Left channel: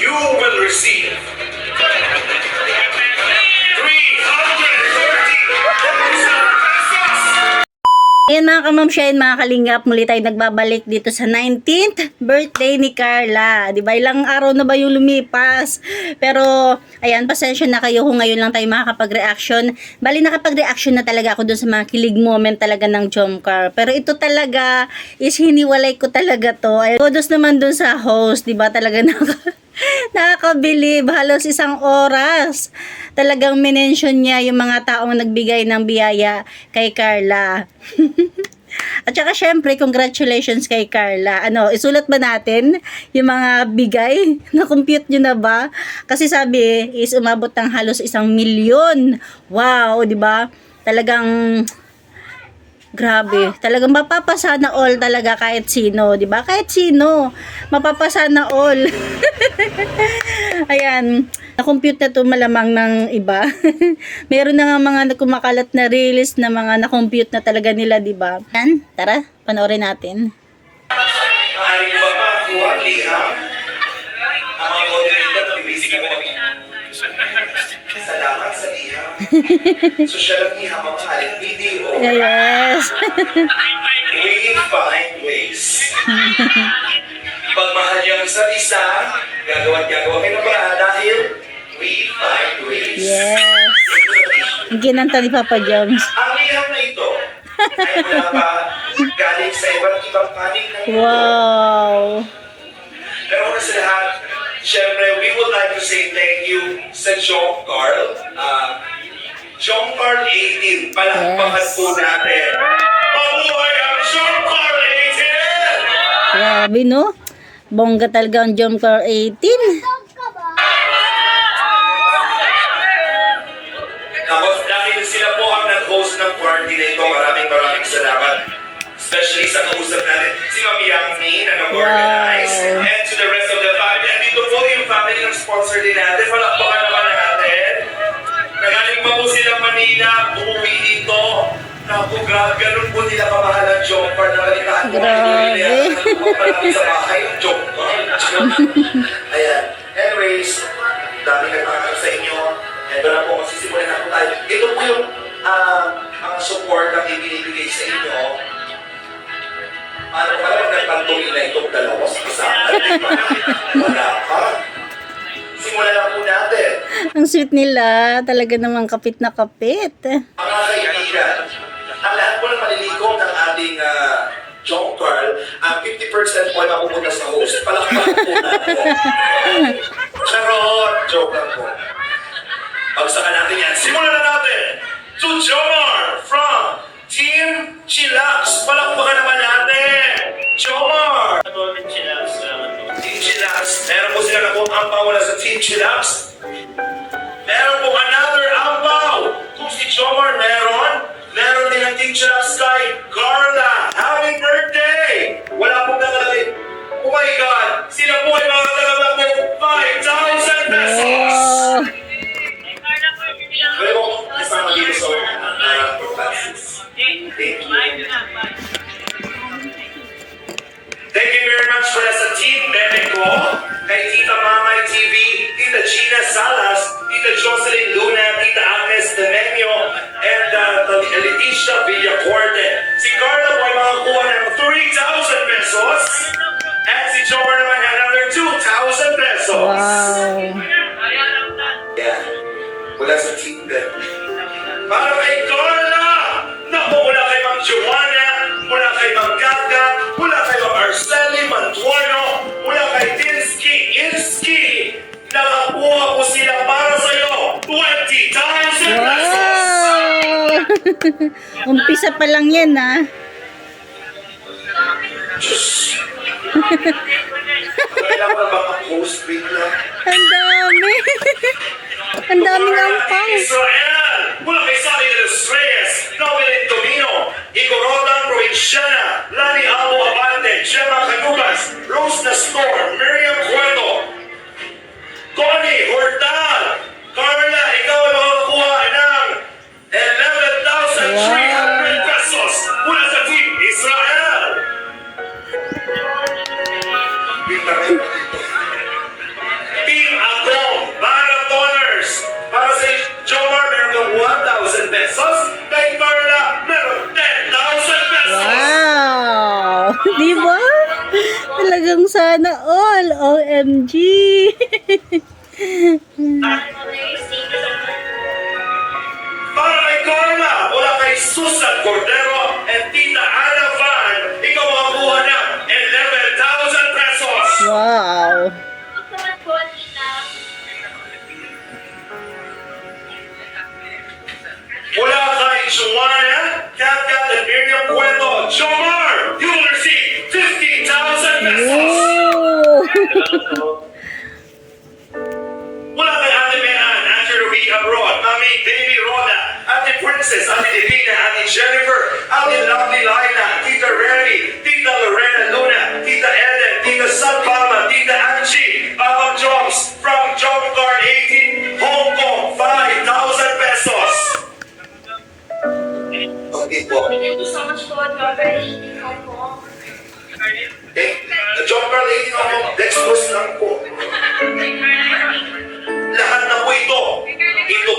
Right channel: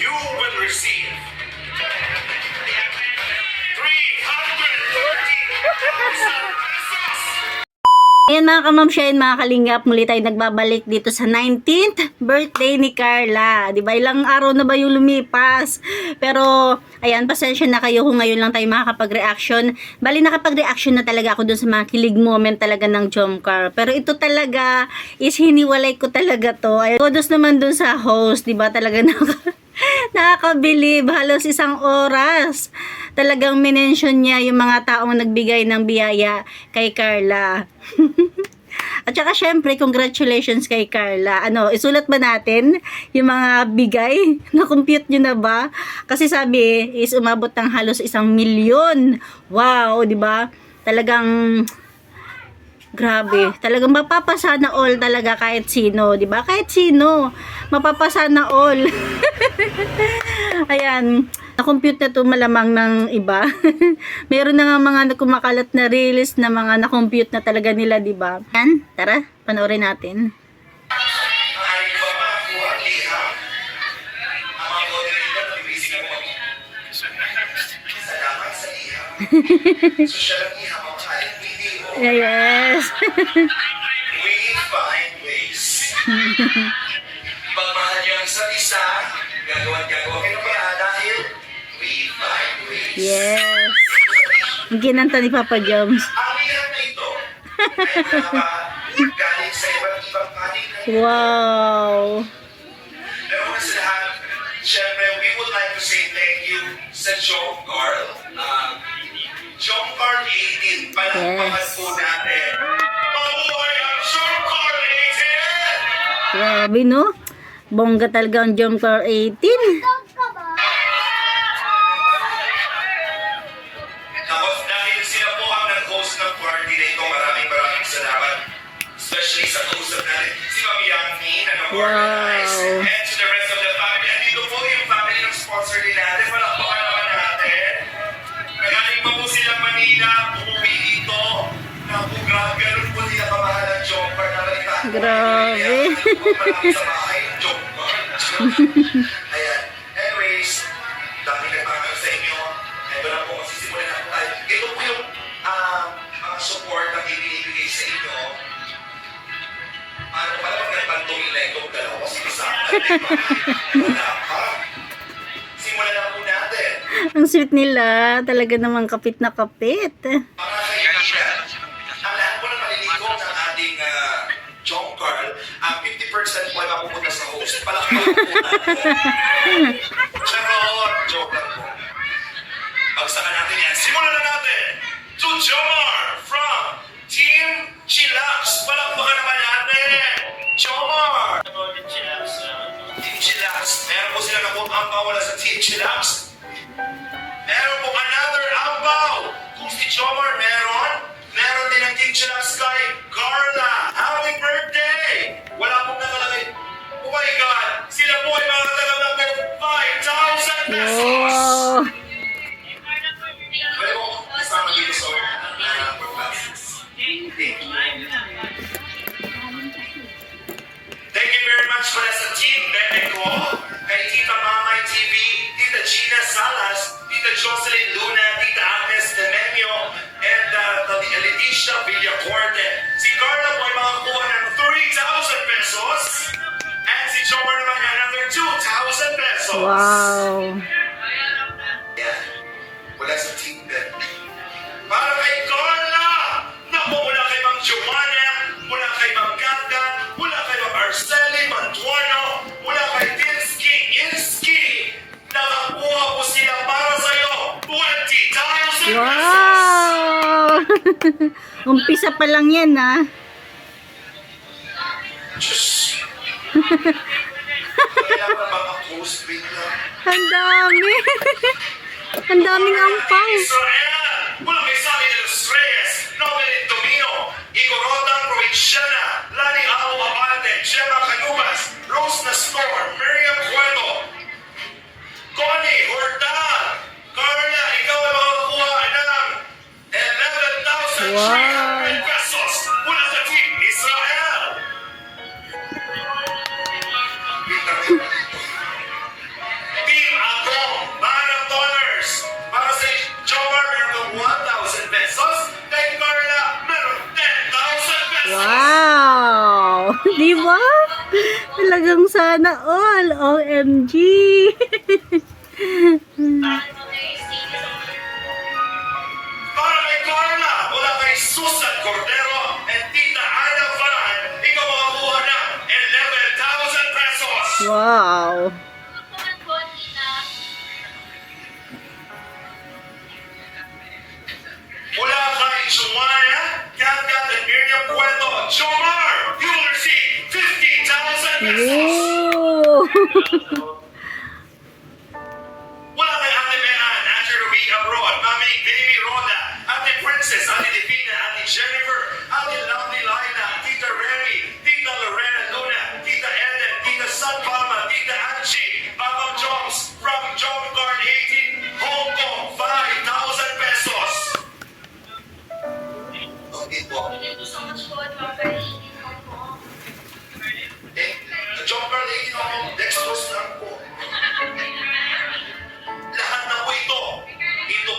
you will receive 330,000 pesos. Ayan mga kamamsyahin, mga kalingap, muli tayo nagbabalik dito sa 19th birthday ni Carla. Di ba? Ilang araw na ba yung lumipas? Pero, ayan, pasensya na kayo kung ngayon lang tayo makakapag-reaction. Bali, nakapag-reaction na talaga ako dun sa mga kilig moment talaga ng Jomcar. Pero ito talaga, is hiniwalay ko talaga to. Ay, kudos naman dun sa host, di ba? Talaga nakakabilib. Halos isang oras. Talagang minention niya yung mga taong nagbigay ng biyaya kay Carla. At saka syempre, congratulations kay Carla. Ano, isulat ba natin yung mga bigay? Na-compute nyo na ba? Kasi sabi, is umabot ng halos 1,000,000. Wow, di ba? Talagang grabe. Talagang mapapasana all talaga kahit sino, di ba? Kahit sino, mapapasana all. Ayan. Na-compute na to malamang ng iba. Meron na nga mga kumakalat na reels na mga na-compute na talaga nila, di ba? Yan, tara, panoorin natin. Maaari ba makuha ang liham? Ang mga moderator, bibisig ako salamat sa liham. Social ang liham ang maaaring video. Yes. We find ways. Pagmahal niyo ang isa't isa, gagawa kayo ng paraan dahil we find ways. Yes. Ang ginanta ni Papa Joms. Ang liham na ito ay mula pa galing sa iba't ibang panig ng mundo. Wow. Pero una sa lahat, syempre, we would like to say thank you sa John Carl. John Carl 18, palakpakan Yes. po natin. Mabuhay ang John Carl 18! Grabe, no? Bongga talaga ang Jomcar 18. Tapos dahil sila po ang nag-host ng party na ito, maraming salamat. Especially sa kausap natin, si Mami Yangmin na nag-organize. Wow. And to the rest of the family. And dito po yung family ng sponsor din natin. Palakpakan naman natin. Nagaling pa po sila Manila, umuwi dito. Naku, grabe, ganun po nila kamahal ang Jomcar na kalitaan po. Grabe. Palapit sa bahay yung Jomcar. Ayan. Anyways, dami nagpapakita sa inyo. Ito na po, masisimulan na po tayo. Ito po yung mga support na ibinibigay sa inyo. Paano pala pag nagpagtuloy na itong dalawa sa isa? Wala ka. Simulan na po natin. Ang sweet nila. Talaga namang kapit na kapit. Mga kaibigan, ang lahat po ng malilikom ng ating John Carl, ang 50% po ay mapupunta sa host. Palakpakan po natin. Charot! Joke lang po. Pagsakan natin yan. Simulan na natin! To Jomar from Team Chillax. Palakpakan naman natin! Jomar! Team Chillax. Meron po sila na po ang pawala sa Team Chillax. Meron po another ambaw. Kung si Jomar meron din ang Team Chillax kay Carla. Happy birthday! Wala pong nakalagay. Oh my God! Sila po ay mga tagamang po 5,000 pesos! Wow. Pwede mo kasama dito sa classes. Thank you. Thank you very much for sa Team Mexico, kay Tita Mamay TV, Tita Gina Salas, Tita Jocelyn Luna, Tita Agnes Demenio, and Leticia Villacorte. Si Carla po ay makakuha ng 3,000 pesos, and si Jomar naman another 2,000 pesos. Wow. Yeah. Mula sa Team Ben. Para kay Carla! Naku, mula kay Ma'am Joanna, mula kay Ma'am Gata, mula kay Ma'am Arceli Mantuano, mula kay Inski, nakakuha po sila para sa'yo 20,000 pesos! Wow. Umpisa pa lang yan, ha? Diyos! Kailangan ba mag-host bigla? Ang dami. Ang daming ampang. Israel! Mula kay Sally de los Reyes, Novelin Domino, Igorotan Provinciana, Lani Abo Abante, Gemma Canubas, Rose Nastor, Miriam Cueto, Connie Hortal, Carla, ikaw ay makakuha ng 11,300 pesos mula sa Team Israel! Pinta Di ba? Talagang sana all. OMG. Para kay Carla, mula kay Susan Cordero and Tita Ana Van, ikaw makakuha ng 11,000 pesos. Wow. Mula kay Joanna, Kat and Miriam Cueto, Jomar, you will receive 50,000 pesos. Oh. Mula kay Ate Mehan, Ate Ruby Abroad, Mami Baby Rhoda, Ate Princess, Ate Divina, Ate Jennifer, Ate Lovely Lina, Tita Remy, Tita Lorena Luna, Tita Eden, Tita Sun Palma, Tita Angie, Papa Jobs, from Job Card 18, Hong Kong, 5,000 pesos. Okay po. Thank you so much for your very helpful. Job Card 18 ako, dextrose lang po. Lahat na po ito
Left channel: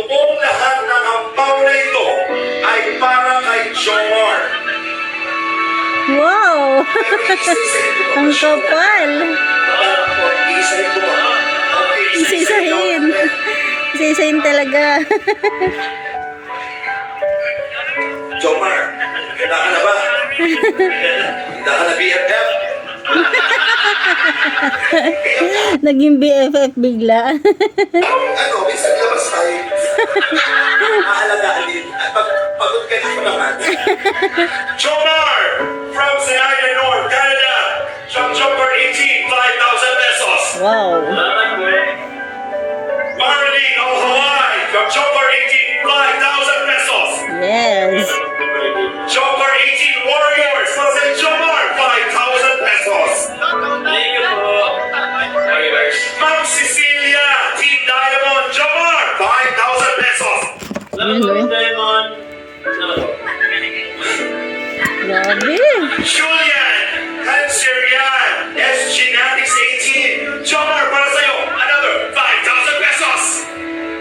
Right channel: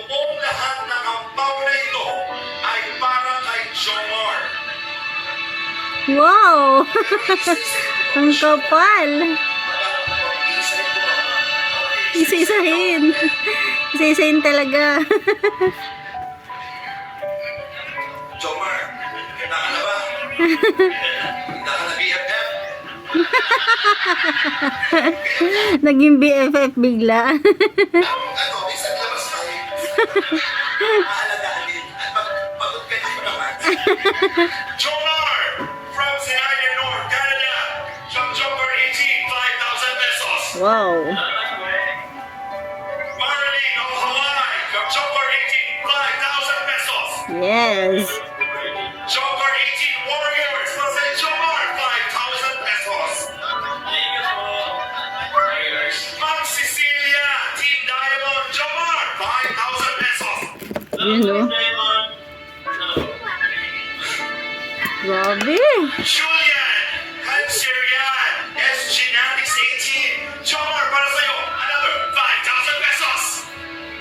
pong lahat ng ampaw na ito ay para kay Jomar. Wow. Ang kapal. Isa-isahin. Isa-isahin talaga. Jomar, handa ka na ba? Handa ka na BFF? Naging BFF bigla. Ano, minsan labas tayo. Maalagaan din. At pagod ka din naman. Jomar, from Zenaida North, Canada. Jumper 18, 5,000 pesos. Wow. Marlene of Hawaii, from Jumper 18, 5,000 pesos. Yes. Jumper 18 Warriors, from St. Jomar, 5,000 pesos. Ma'am Cecilia, Team Diamond, Jomar, 5,000 pesos. Yun, no? Grabe. Julian, Hanserian, SG Natix 18, Jomar, para sa'yo, another 5,000 pesos.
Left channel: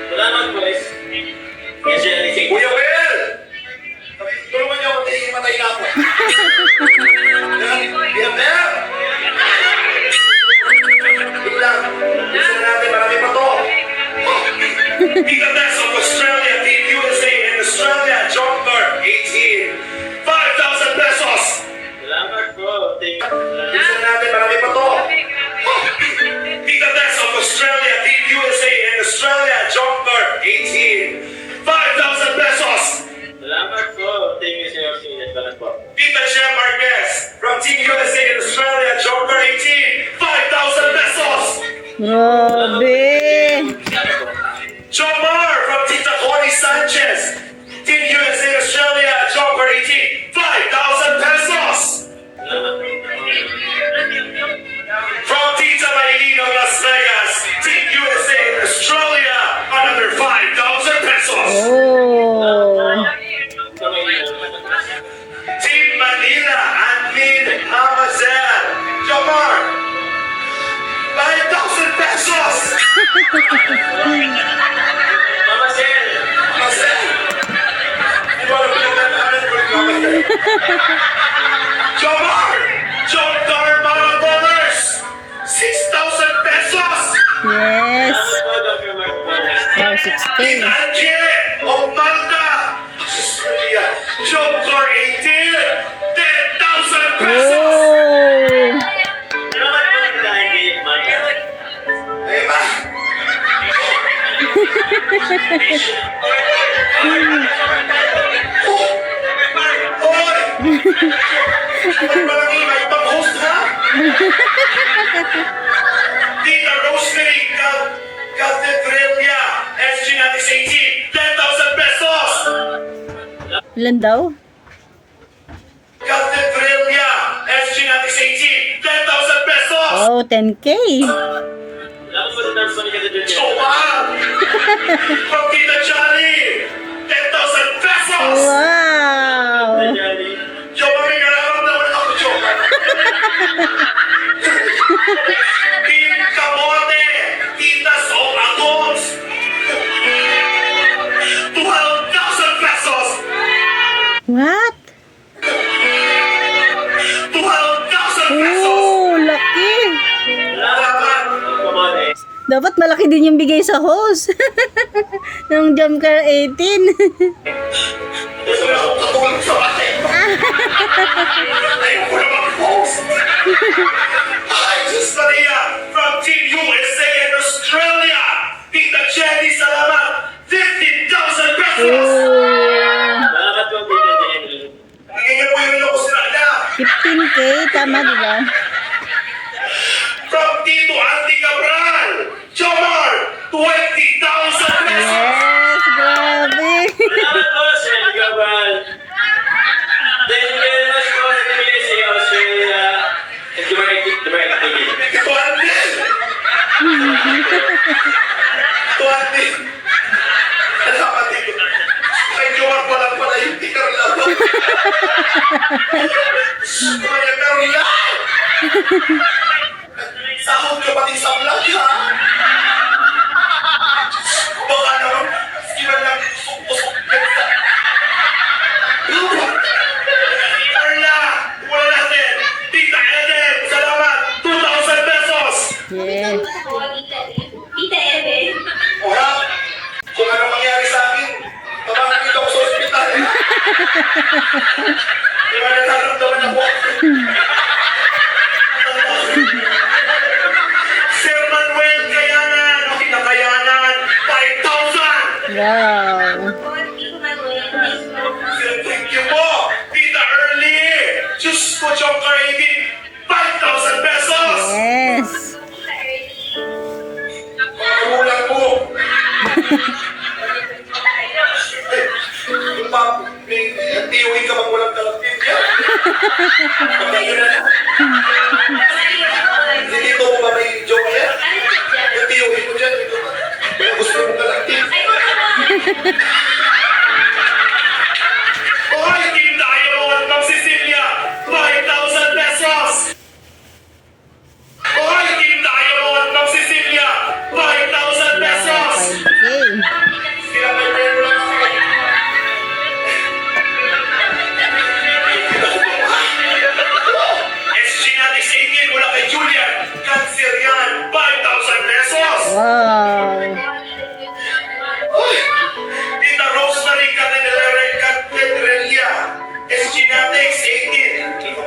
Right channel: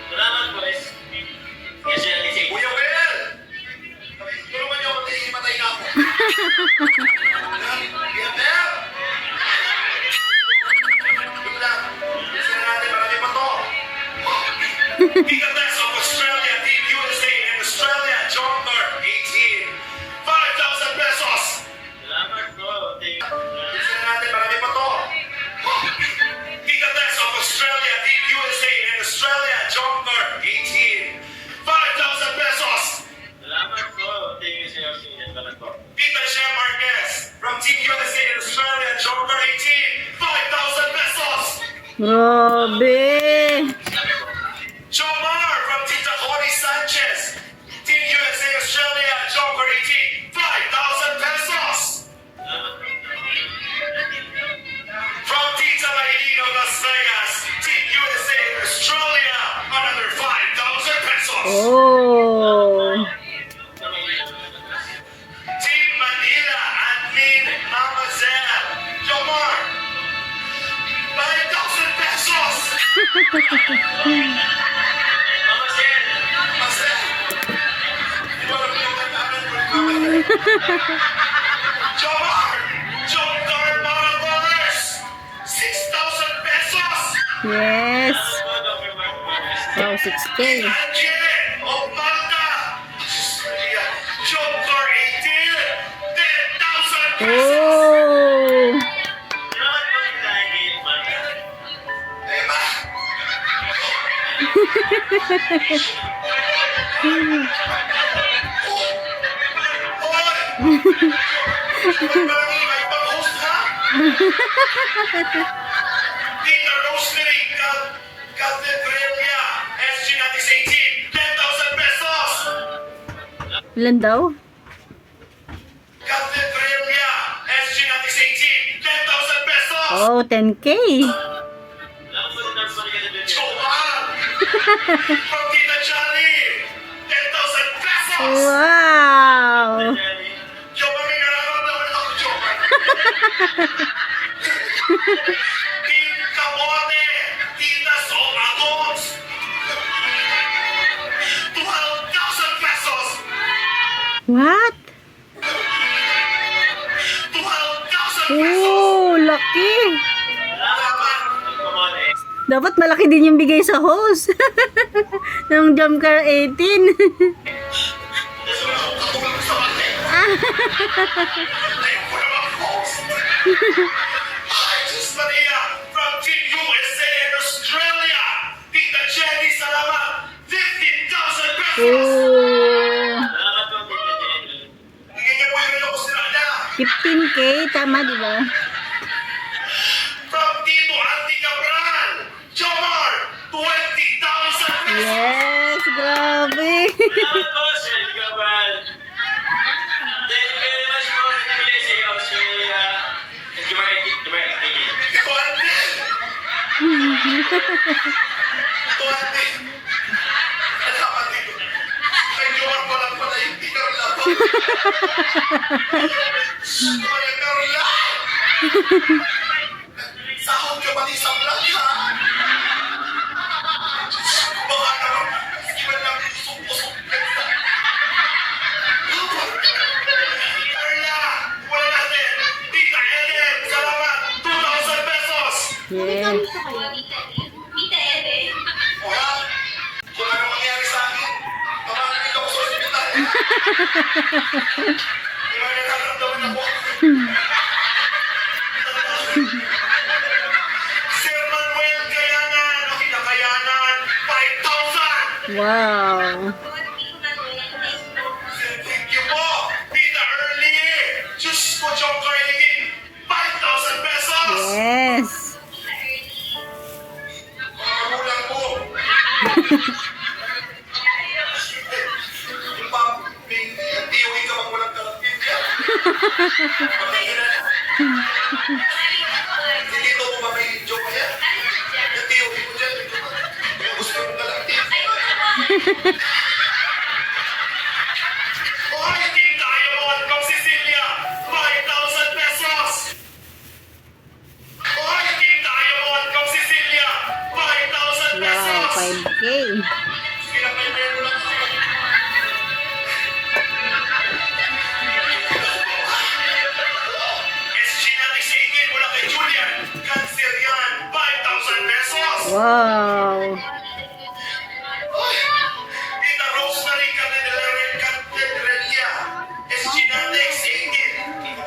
Salamat, boys. Yes, sir. Kuya Will, tulungan niyo ako, tingin matay na ako. BFF! Wait lang, gusto na natin, marami pa to. Tita Tess of Australia, Team USA in Australia, Jomar 18, 5,000 pesos. Salamat po. Thank you. Gusto na natin, marami pa to. Tita Tess of Australia, Team USA in Australia, Jomar 18, 5,000 pesos. Salamat po. Thank you, sir. Salamat po. Tita Shem Marquez from Team USA in Australia, Jomar 18, 5,000 pesos. Grabe. Jomar from Tita Connie Sanchez, Team USA Australia, Jomar 18, 5,000 pesos. Salamat po. From Tita Maylene of Las Vegas, Team USA Australia, another 5,000 pesos. Oh. Team Manila, Admin Amazel, Jomar, 5,000 pesos. Mama, sir. Amazel, di ba alam mo yung tandaan ko yung Amazel? Jomar, Jomar Marathoners, 6,000 pesos. Yes. Salamat po, Dr. Mark Marquez. Wow, 6K. Angel of Malta, Australia, Jomar 18, 10,000 pesos. Oh. Salamat po, Tita Angie. Ay ba? Hoy! Parang may pang-host ha? Tita Rosemary Catedralia, SG Natix 18, 10,000 pesos! Ilan daw? Catedralia, SG Natix 18, 10,000 pesos! Oh, 10K. Salamat po, Dr. Marquez. Joman! From Tita Johnny, 10,000 pesos! Wow. Johnny. Joman, may nararamdaman ako, Joman. Team Camote, Tita Soul Agos, 12,000 pesos! What? 12,000 money. Dapat malaki din yung bigay sa host. Ng Jump Car 18. Gusto na akong katulog sa mati. Ayaw ko na mag-post. Hi, Sus Maria from Team USA in Australia. Tita Jenny, salamat. 15,000 pesos. Oh, Salamat po, Tita Jenny. Hingin mo yung loko sila na. 15K, tama diba? From Tito Andy Cabral. Jomar, 20,000 pesos. Yes, grabe. Salamat po, Sir Gabal. Thank you very much po sa TBS Australia. And Dubai TV. Tito Andy. Tito Andy. Salamat dito. Kay Jomar pa lang pala yung tikar lang. Kaya meron lang. Sahod ka pati sa vlog, ha? Baka naman, sinan lang tusok-tusok ka sa... Carla, wala natin. Tita Eden, salamat. 2,000 pesos. Yes. Tita Eden. O ha? Kung anong mangyari sa akin, tabangan dito ako sa ospital. Di ba nararamdaman ako? Sir Manuel Kayanan, o Kinakayanan, 5,000! Wow. Thank you po! Tita Early! Diyos ko, John Carigin, 5,000 pesos! Yes. Magulang po! Yung mga may tiyoy ka bang walang talapin ka? Patayin na. Hindi dito mo ba may joke yan? Yung tiyoy mo dyan, ito ba? Kaya gusto mong talapin. Hoy, Team Diamond from Sicilia, 5,000 pesos! Hoy, Team Diamond from Sicilia, 5,000 Wow, pesos! 5K. Sila may pera lang ako. SG natin sa ingin, wala kay Julian. Cancer yan, 5,000 pesos! Wow. Uy, Tita Rosemary Caterelia, SG natin sa ingin.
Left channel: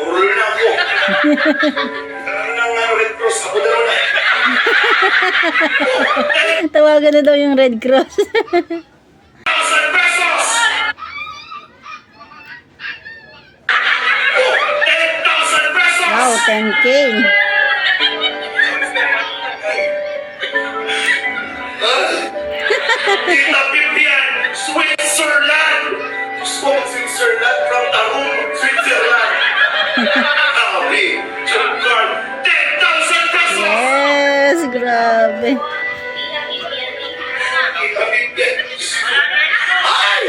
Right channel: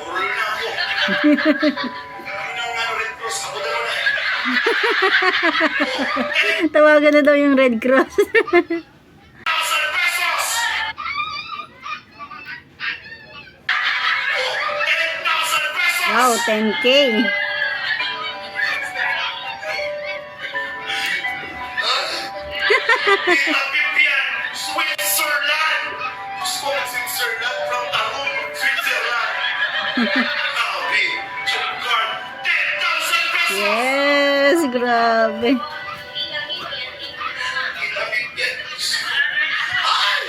Urol na ako. Ano na nga, Red Cross, ako na na. Tawagan na daw yung Red Cross. 1,000 pesos! Oh, 10,000 pesos! Wow, 10K. Tita Vivian, Switzerland! Gusto mo Switzerland from Tarun, Switzerland. Sabi, John Carl, 10,000 pesos! Yes, grabe. Tita Vivian. Ay!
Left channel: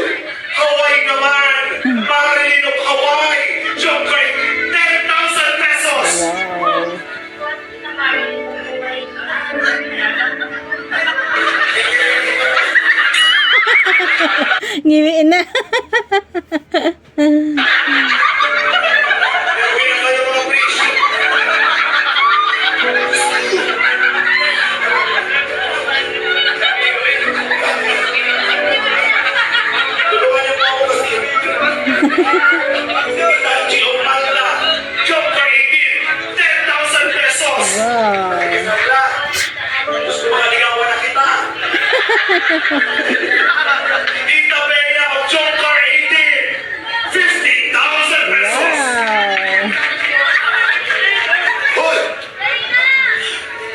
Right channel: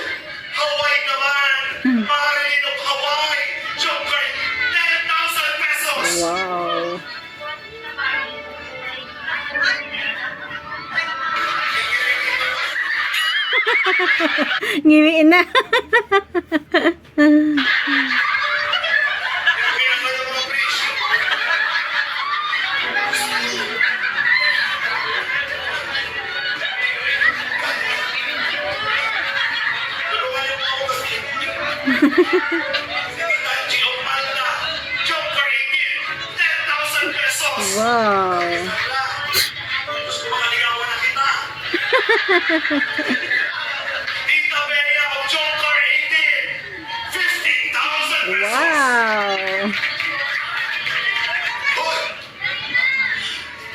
Hawaii naman! Marilyn of Hawaii! John Carl, 10,000 pesos! Wow. Ngiwiin na. Pinakayo mga presyo. Tulungan niyo po ako kasi. Tita Giovanna, Job Car 18, 10,000 pesos. Wow. Sarla, gusto mo kaligawan na kita. Tita Bea of Job Car 18, 15,000 pesos. Wow. Hoy!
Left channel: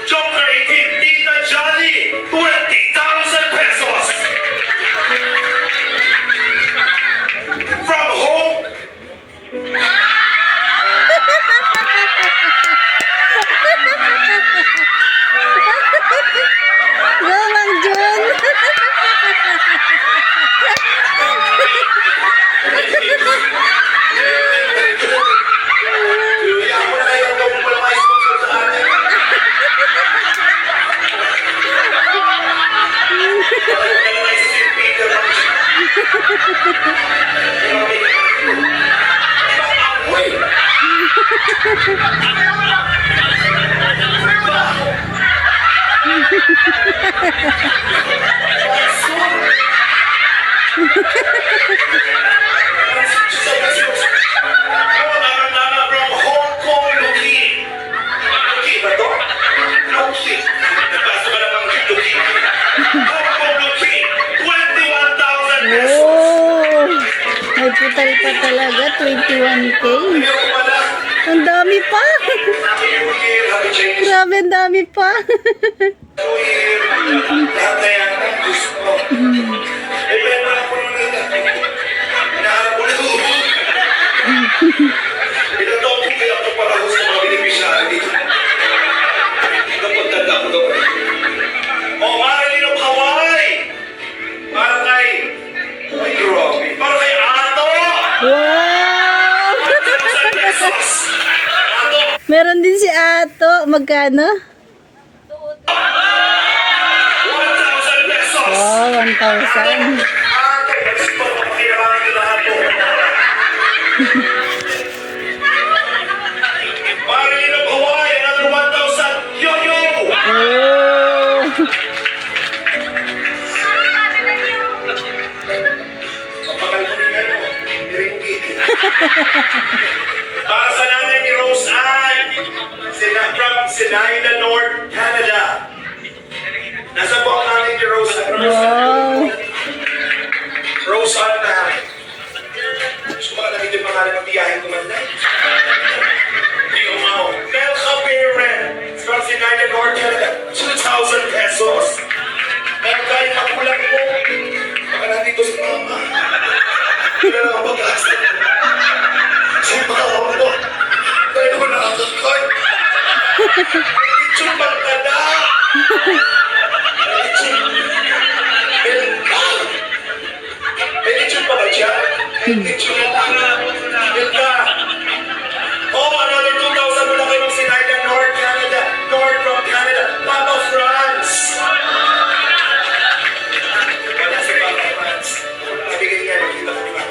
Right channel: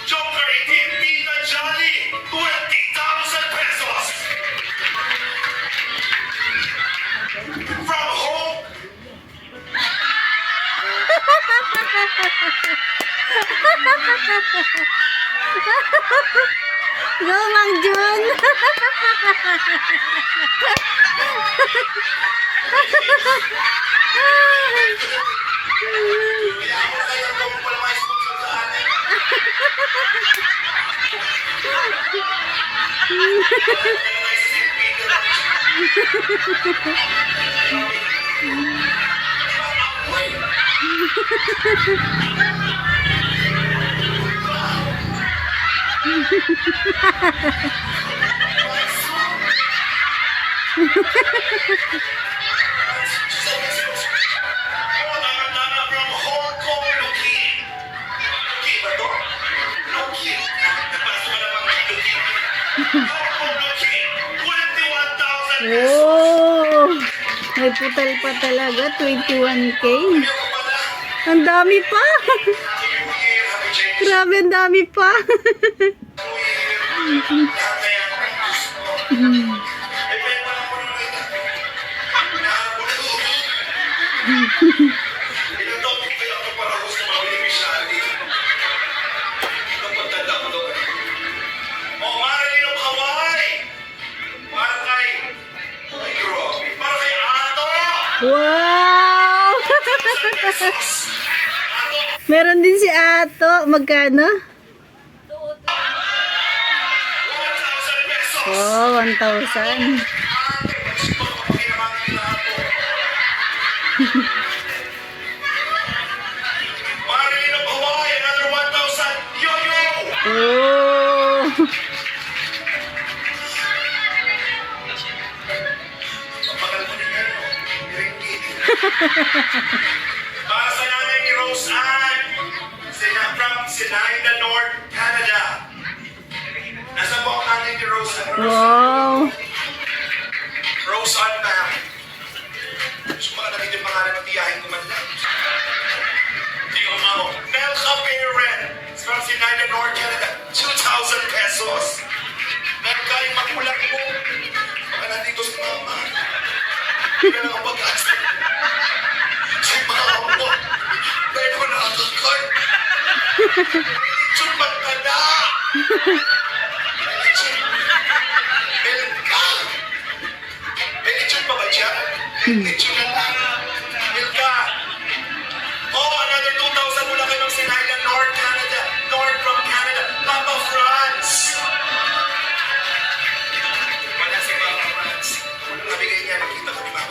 Job Car 18, Tita Jolly, 20,000 pesos. From home. Go, Mang Jun. Kaya ako na kayo kung wala mga sponsor sa atin. Wala na kayo sa St. Peter. Ibang apoy. Tama from Hong Kong, Luki. Luki ba to? Luki. Nagpasa ba namang Luki? Hong Kong, Luki. 21,000 pesos. Oh! May putal pa talaga, 21K. Ayaw ko pala. Ang dami pa. Happy New Year, Happy Chinese Grabe, ang dami pa. New Year. Lahat na yan ang gusto ko. Eh, benta lang po naman ito. Hinaharap ko na ito. Ilang taon po kaya ako para sa mga beneficiary dito. Ito pagtanda ko doon. Oh, Marilyn of Hawaii! Para kay... Ay, grabe. Para kay Ato! Wow! 1,000 pesos! Ato! Meron din si Ato. Magkano? 1,000 pesos! Oh, 1,000. Ato! Gusto ko pakinabangan nila Ato. Marilyn of Hawaii, another 1,000. Yo-yo! Oh! Mapakal mo rin yan, oh. Ringgit. Para sa nanay ni Rose Ann, from Sinaida, North Canada. Nasa po ang nanay ni Rose Ann? Wow! Rose Ann na. Gusto ko alam ito yung pangalan ng biyahe ko man lang. Hindi ko mau. Melka Peren from Sinaida, North Canada. 2,000 pesos. Melka, yung magulang mo. Baka nandito si mama. Hindi na lang ang pag-asa. Sa mga mo. Kaya ko nakakakay. Lechon magkada. Lechon. Melka. May lechon pa ba dyan? Lechon na lang. Melka. Oh, another 2,000 mula kayo ng Sinaida, North Canada. North from Canada. Papa France. Wala si Papa France. Nabigay niya, nakita ko na.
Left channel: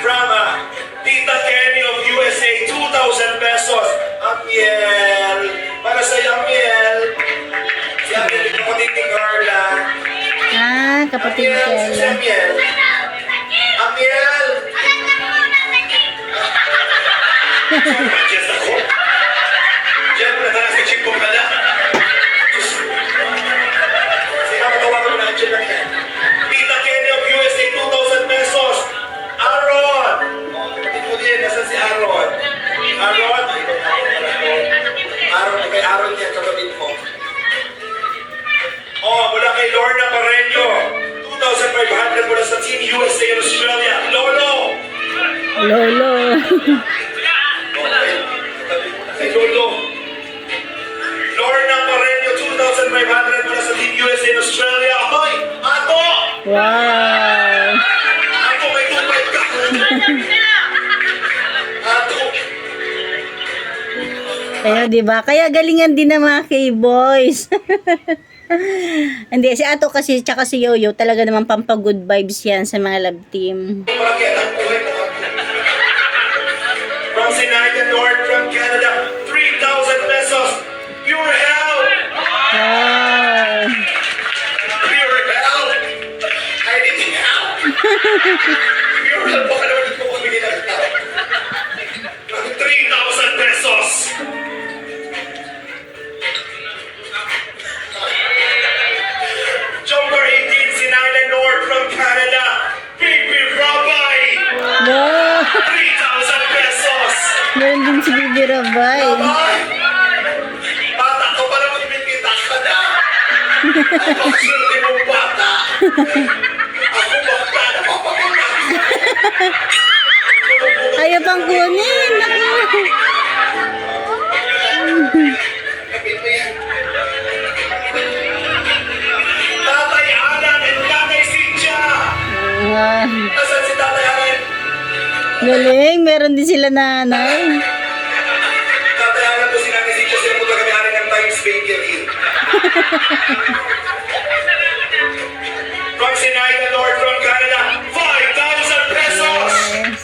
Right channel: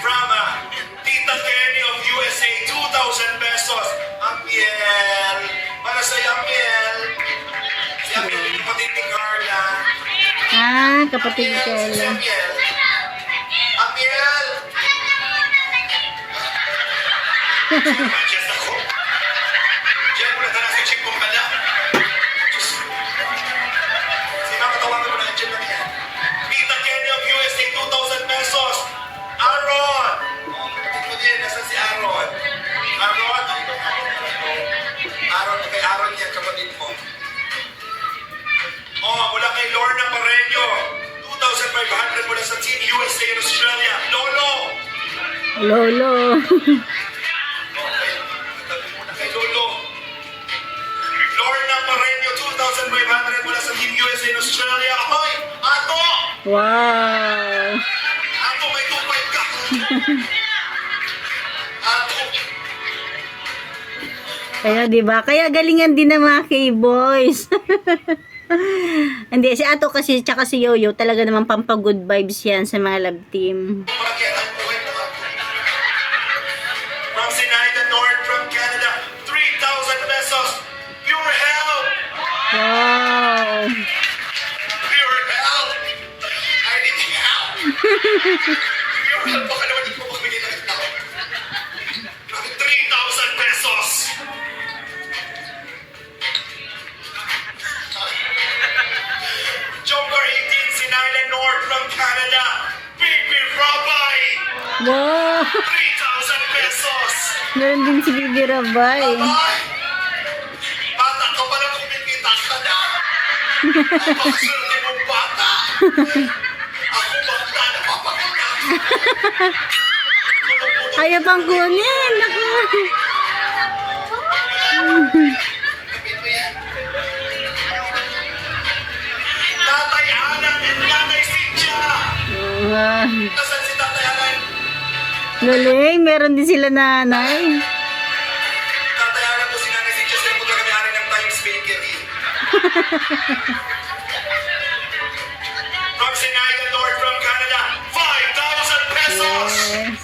From Tita Kenny of USA, 2,000 pesos. Amiel. Para sa Amiel. Si Amiel, yung kapatid ni Carla. Ah, kapatid ko Amiel, si lang. Amiel. Amiel! Diyan ako. Diyan mo na tala sa chip ko pala. Sino matawagan mo na dyan lang yan? Tita Kenny of USA, 2,000 pesos. Aaron! Kapatid mo din, nasan si Aaron? Aaron? Aaron, kay Aaron yan, kapatid mo. Oh, mula kay Lorna Pareño. 2,500 mula sa Team USA in Australia. Lolo! Lolo. Okay. Kay Lolo. Lorna Pareño, 2,500 mula sa Team USA in Australia. Ahoy! Ato! Wow! Ato, may 2,500 ka! Ato! Kaya, di ba? Kaya galingan din ng mga K-boys. Hindi, si Ato kasi, tsaka si Yoyo, talaga naman pampag-good vibes yan sa mga love team. Para kay Ato, ay Ato. From Sinaida, North, from Canada, 3,000 pesos. Pure health! Wow! Pure health! I need help! Pure health, baka naman hindi ko magbigay ng help. 3,000 pesos! Joker 18, Sinaida North from Canada. Big Big Rabbi! Wow! 3,000 pesos! Meron din si Bibi Rabay. Ay! Bata ka pala magpipita ka na! Ang swerte mong bata! Ako bata na papakita! Ayaw pang kunin. Kapit mo yan. Tatay Alan and Nanay Cynthia! Ah, Nasaan si Tatay Alan? galing, meron din sila nanay. Tatay Alan ko si Nanay Cynthia sila po kami-ari ng Times Bakery. From Sinaida North from Canada, 5,000 pesos! Yes.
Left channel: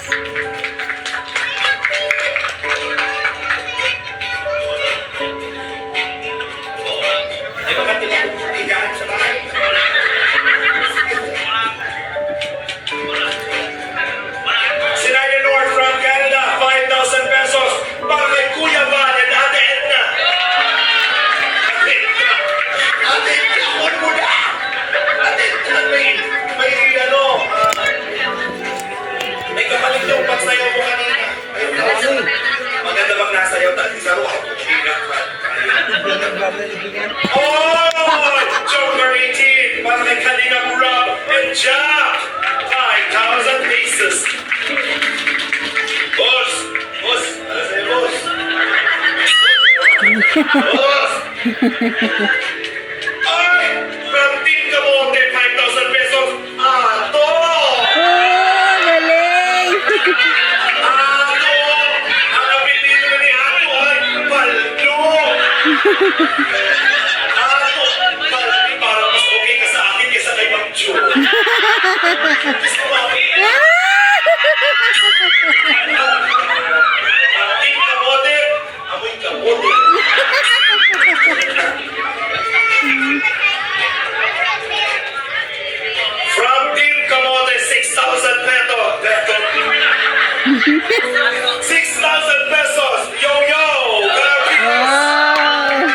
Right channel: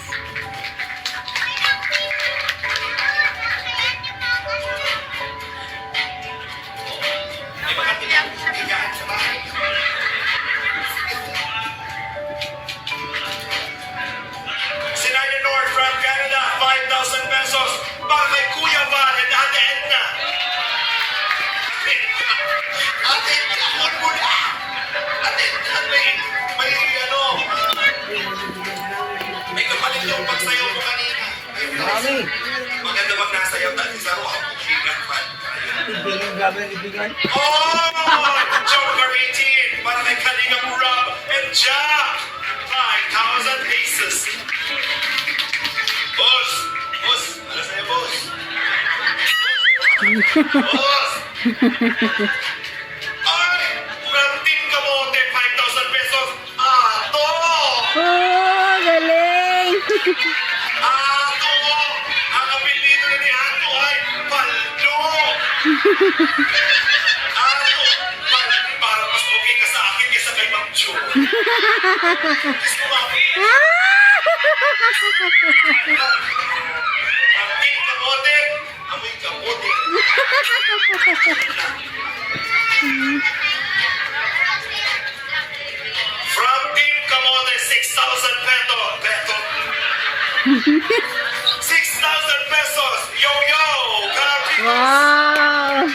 Ipon mo na! At may ano, may kapalit yung pagsayaw mo kanina. Ayun, maganda bang nasayaw tayo sa ruha mo? Oh! Joker 18 para kay Kalingap Rob and Jack! 5,000 pesos! Boss! Boss! Ano sa'yo, boss? Boss! Ay! From Team Kamote, 5,000 pesos! Ato! Oh, galing! Ato! Ang apelido ni Ato ay Baldo! Ato! Baldo, parang mas okay ka sa akin kaysa kay Ma'am Jo. Gusto mo ako? Ang Team Kamote, amoy kamote. From Team Kamote, 6,000 pesos. 6,000 pesos. Yo, yo. Grabe. Wow!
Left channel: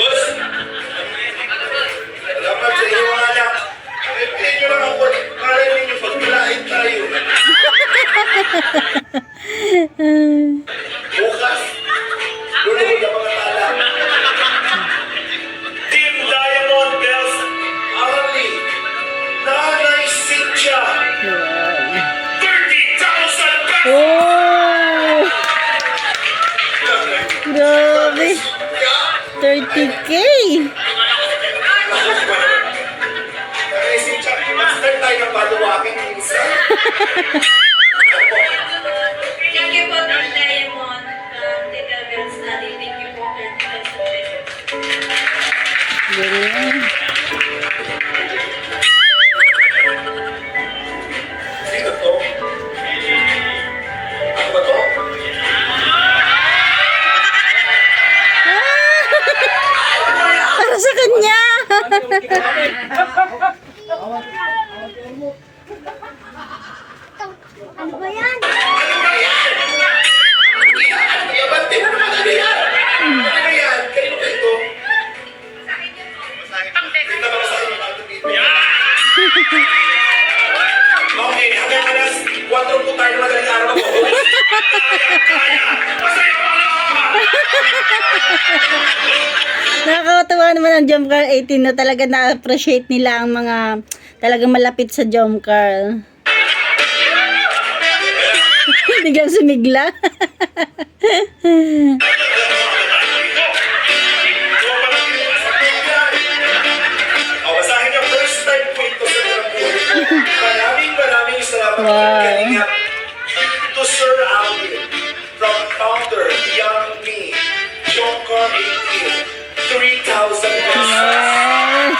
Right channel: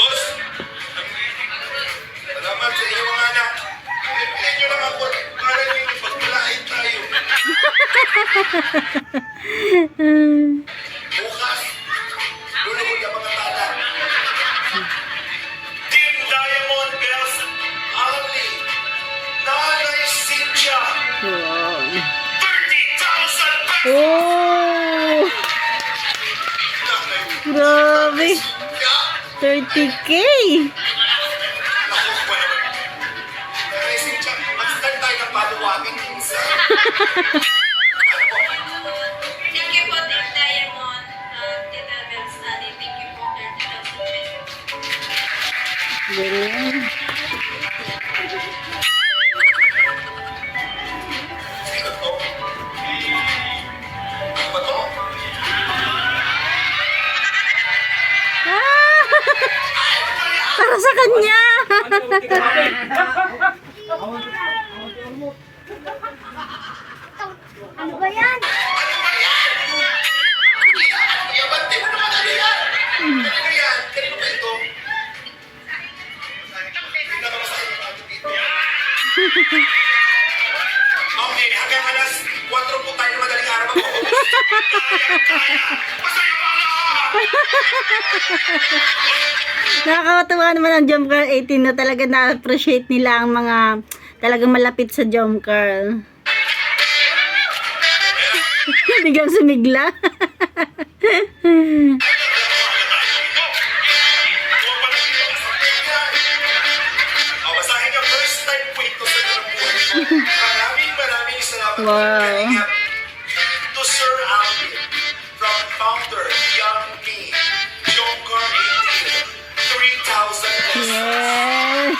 Boss. Salamat sa iyo, anak. Piliin nyo lang ako para hindi pagpalain tayo. Bukas. Luluhod ang mga tala. Team Diamond Bells Army. Nanay Cynthia. Wow! 30,000 pesos. Oh! Grabe! 30K! Nanay Cynthia, mag-start tayo ng paluwakin minsan. Thank you po, Team Diamond. Tita Girls Study. Thank you po, 30,000 pesos. Galing. Sino to? Ano ba to? Ah! Para sa kanya! Ano ba yan? Ano ba yan? Iabante mo naman ano yan? Ano yan? Kanino ba ito? Tingnan mo sa akin, ano dito? Okay, hanggang alas 4 po tayo madaling araw ako. Masaya mo lang! Nakakatawa naman ang jump car 18 na talaga na-appreciate nila ang mga talagang malapit sa jump car. Biglang sumigla. O, basahin niyo, first time po ito sa Karambuhay. Maraming salamat. Wow. To Sir Alvin, from founder, Young Me, Joker 18, 3,000 pesos. Yes.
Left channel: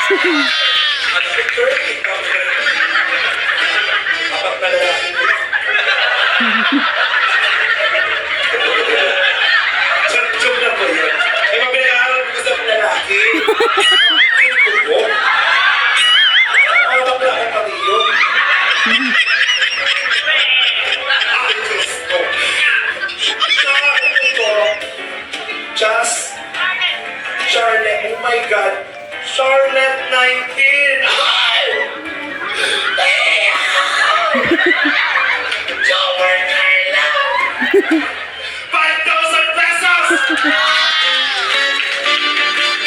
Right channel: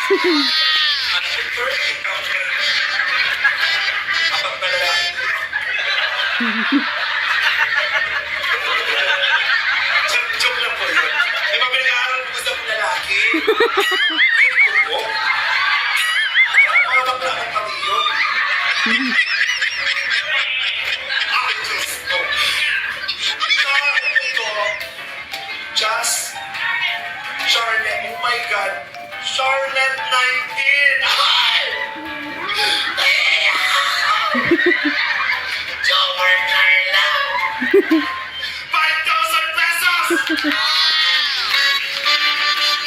At the 30,000. Kapag malalaki ko. Joke na po yun. May mabinaaral ko sa lalaki. Mga bakla kang pati yun. Ay, Diyos ko. Sa akin ito, Just Charlotte, oh my God, Charlotte 19. Ay! Joker Carla! 5,000 pesos!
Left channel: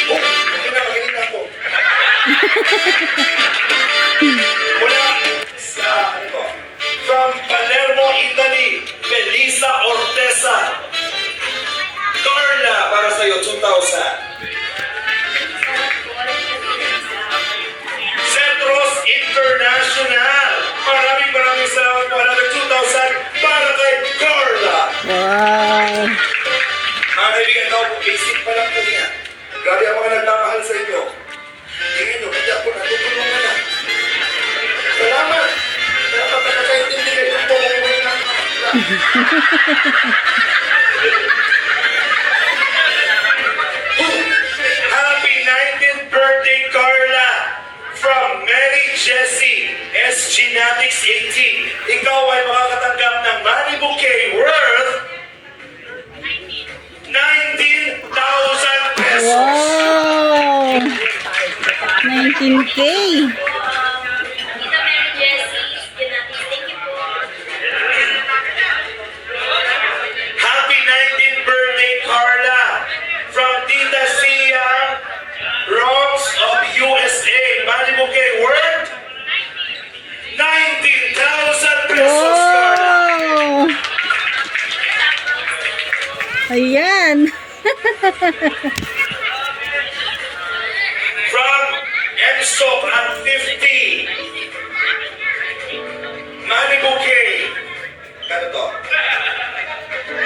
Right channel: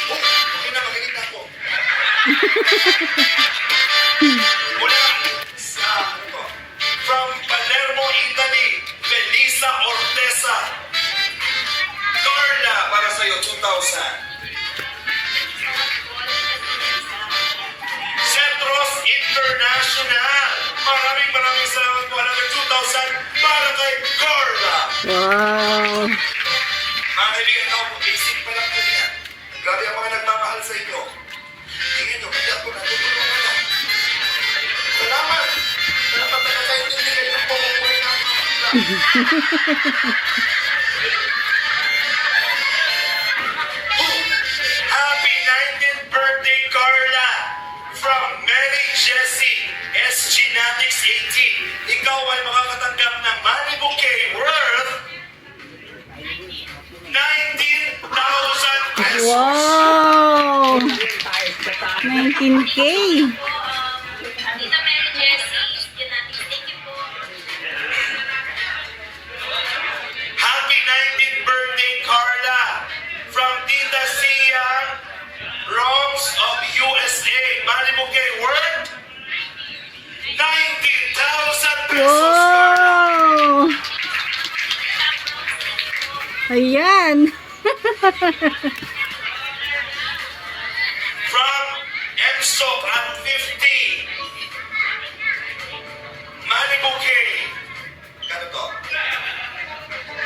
Oh, kinakain ako. Mula sa, ano to? From Palermo, Italy, Felisa Ortesa. Carla, para sa'yo, 2,000. Centros International. Maraming salamat po. Another 2,000 para kay Carla. Wow. Mga kaibigan, ako po, basic pa lang po niya. Grabe ang mga nagmamahal sa inyo. Tingin nyo, hindi ako natutulungan na. Salamat. Salamat na nakaintindi kayo ng pagkakuhin na. Happy 19th birthday, Carla! From Mary Jessie, SG Natix 18. Ikaw ay makakatanggap ng money bouquet worth 19K. Tita Mary Jessie, thank you po. Happy 19th birthday, Carla! From Tita Sia Roms of USA. Malibu K, worth 19,000 pesos, Carla! Wow! Ayan. From Enso at 50. Malibu K. Kano to?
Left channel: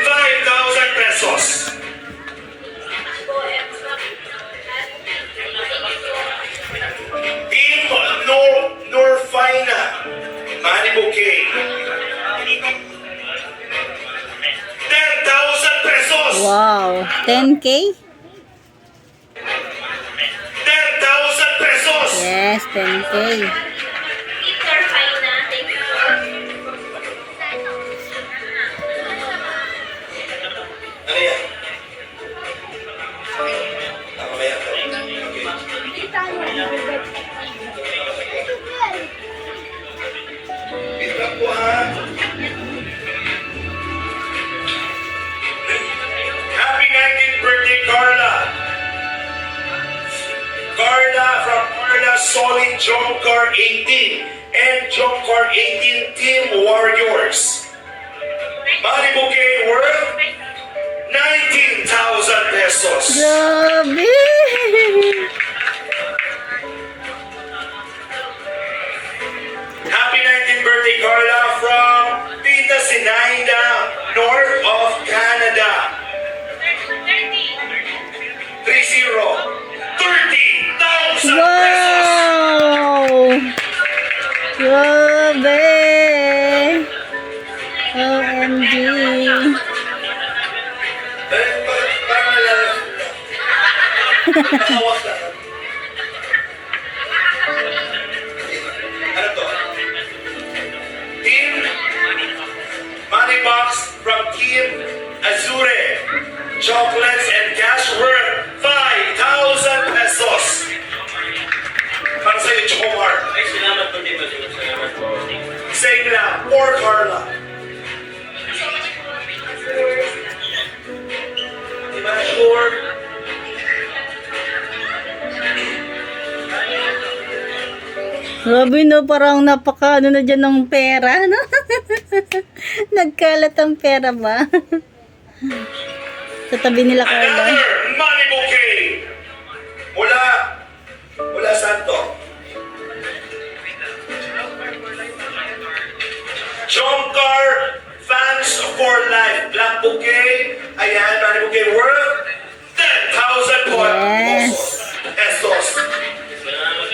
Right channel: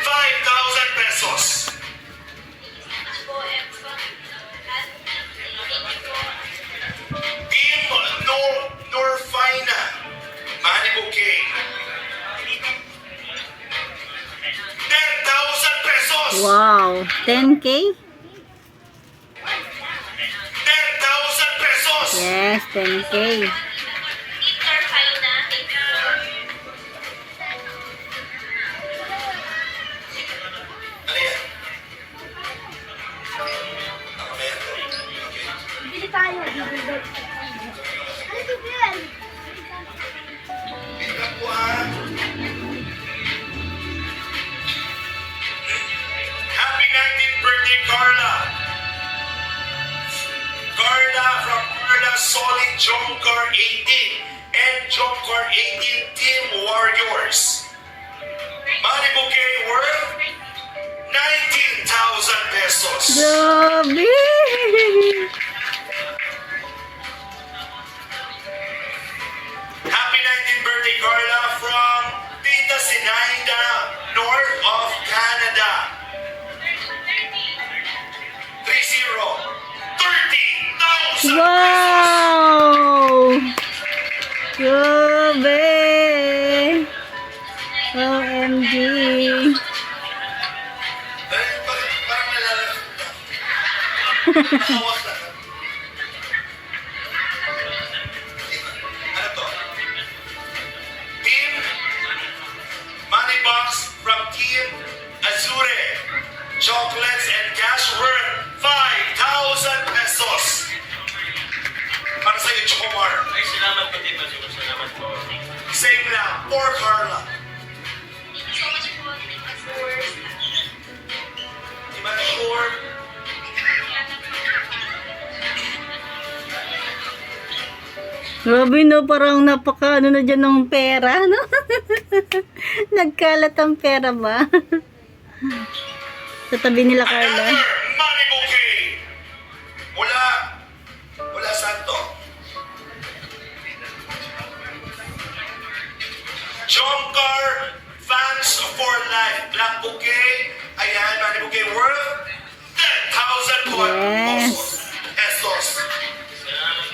5,000 pesos. Team Norfina. Malibu K. 10,000 pesos. Wow. 10K? 10,000 pesos. Yes, 10K. Tita Faina, thank you po. Ano yan? Tama ba yan? Okay. Wait lang po, ha? Happy 19th birthday, Carla! Carla from Carla Solid Jomcar 18 and Jomcar 18 Team Warriors. Malibu K worth 19,000 pesos. Grabe! Happy 19th birthday, Carla, from Tita Sinaida, north of Canada. 30,000 pesos. Wow! Grabe! OMG! Parang nalalaki na. Nakawak na. Ano to? Team Money Box from Team Azure. Chocolates and cash worth 5,000 pesos. Para sa'yo, Chomar. Ay, salamat po, Tito Jun. Salamat po. Same lang, for Carla. Di ba sure? Grabe no, parang napaka ano na dyan ng pera, no? Nagkalat ang pera ba? Sa tabi nila, Carla. Another money bouquet. Mula saan to? Jomcar Fans for Life. Black bouquet. Ayan, money bouquet worth 10,000 Yes. pesos. Salamat.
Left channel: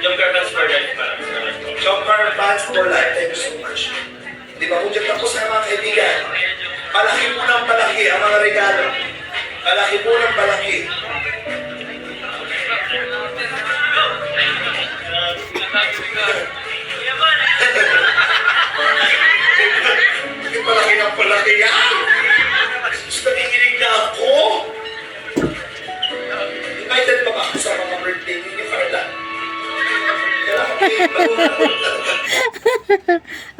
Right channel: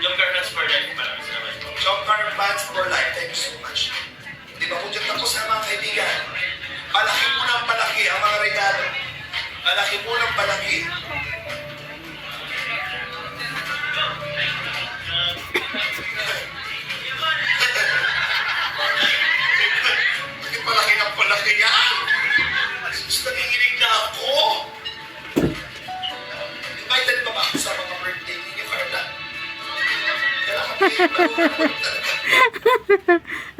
Yung girlfriends for life pa. Salamat po. Jomcar Fans for Life. Thank you so much. Di ba kung dyan tapos na mga kaibigan? Palaki mo ng palaki ang mga regalo. Palaki mo ng palaki. Yung palaki ng palaki yan. Gusto nanginginig na ako. Invited pa ba ako sa mga birthday ni Carla? Kailangan kayo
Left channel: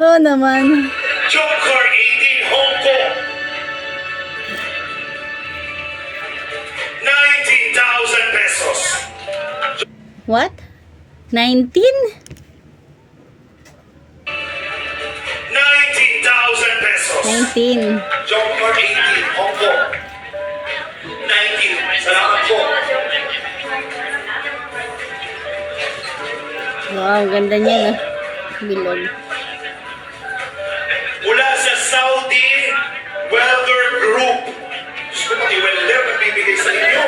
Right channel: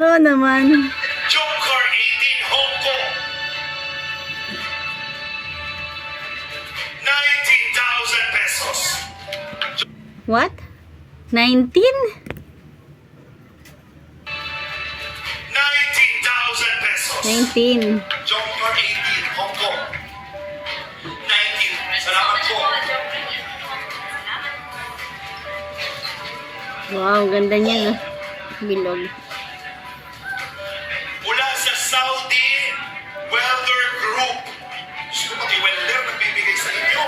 Oo naman. Jomcar 18 Hong Kong. 19,000 pesos. What? 19? 19,000 pesos. 19. Jomcar 18 Hong Kong. 19. Salamat po. Wow, ganda niya, no? Bilog. Mula sa Saudi Welder Group. Gusto mo i-welder, magbibigay sa inyo.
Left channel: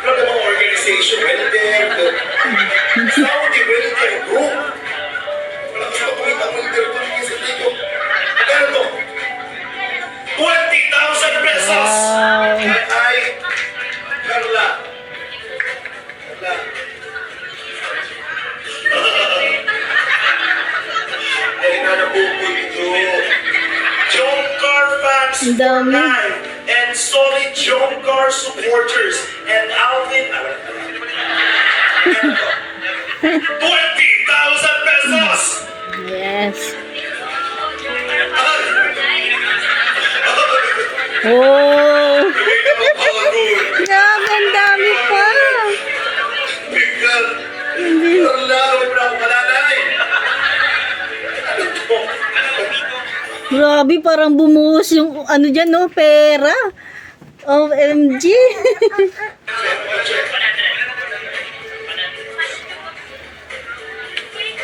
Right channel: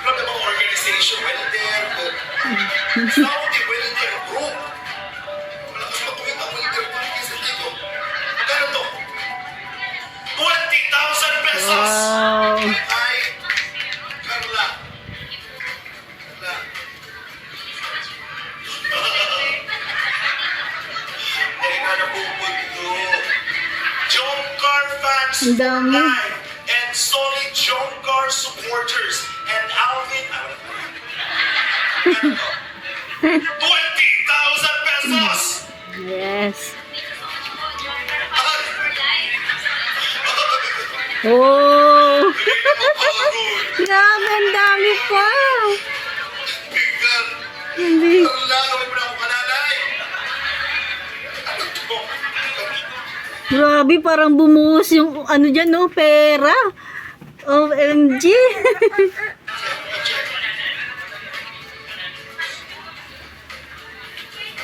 Ano mga organization, welder, Saudi Welder Group. Wala gusto ko kumita ang welder ko sa dito. Magkano to? 20,000 pesos! Wow. Ay, Carla. Carla. Ay, na napupunto. Jomcar fans Ang dami. for life and solid Jomcar supporters and Alvin akin. Ah, wala pala. Ano to? 20,000 pesos! Yes. Ay! Oh! Bigay na mapagod. Grabe, ang dami pa. Bigal. Hindi. Ang laro mo na ako kalalay. Ano to? Grabe, parang bumuhos yung ano dyan, no? Pera. OMG.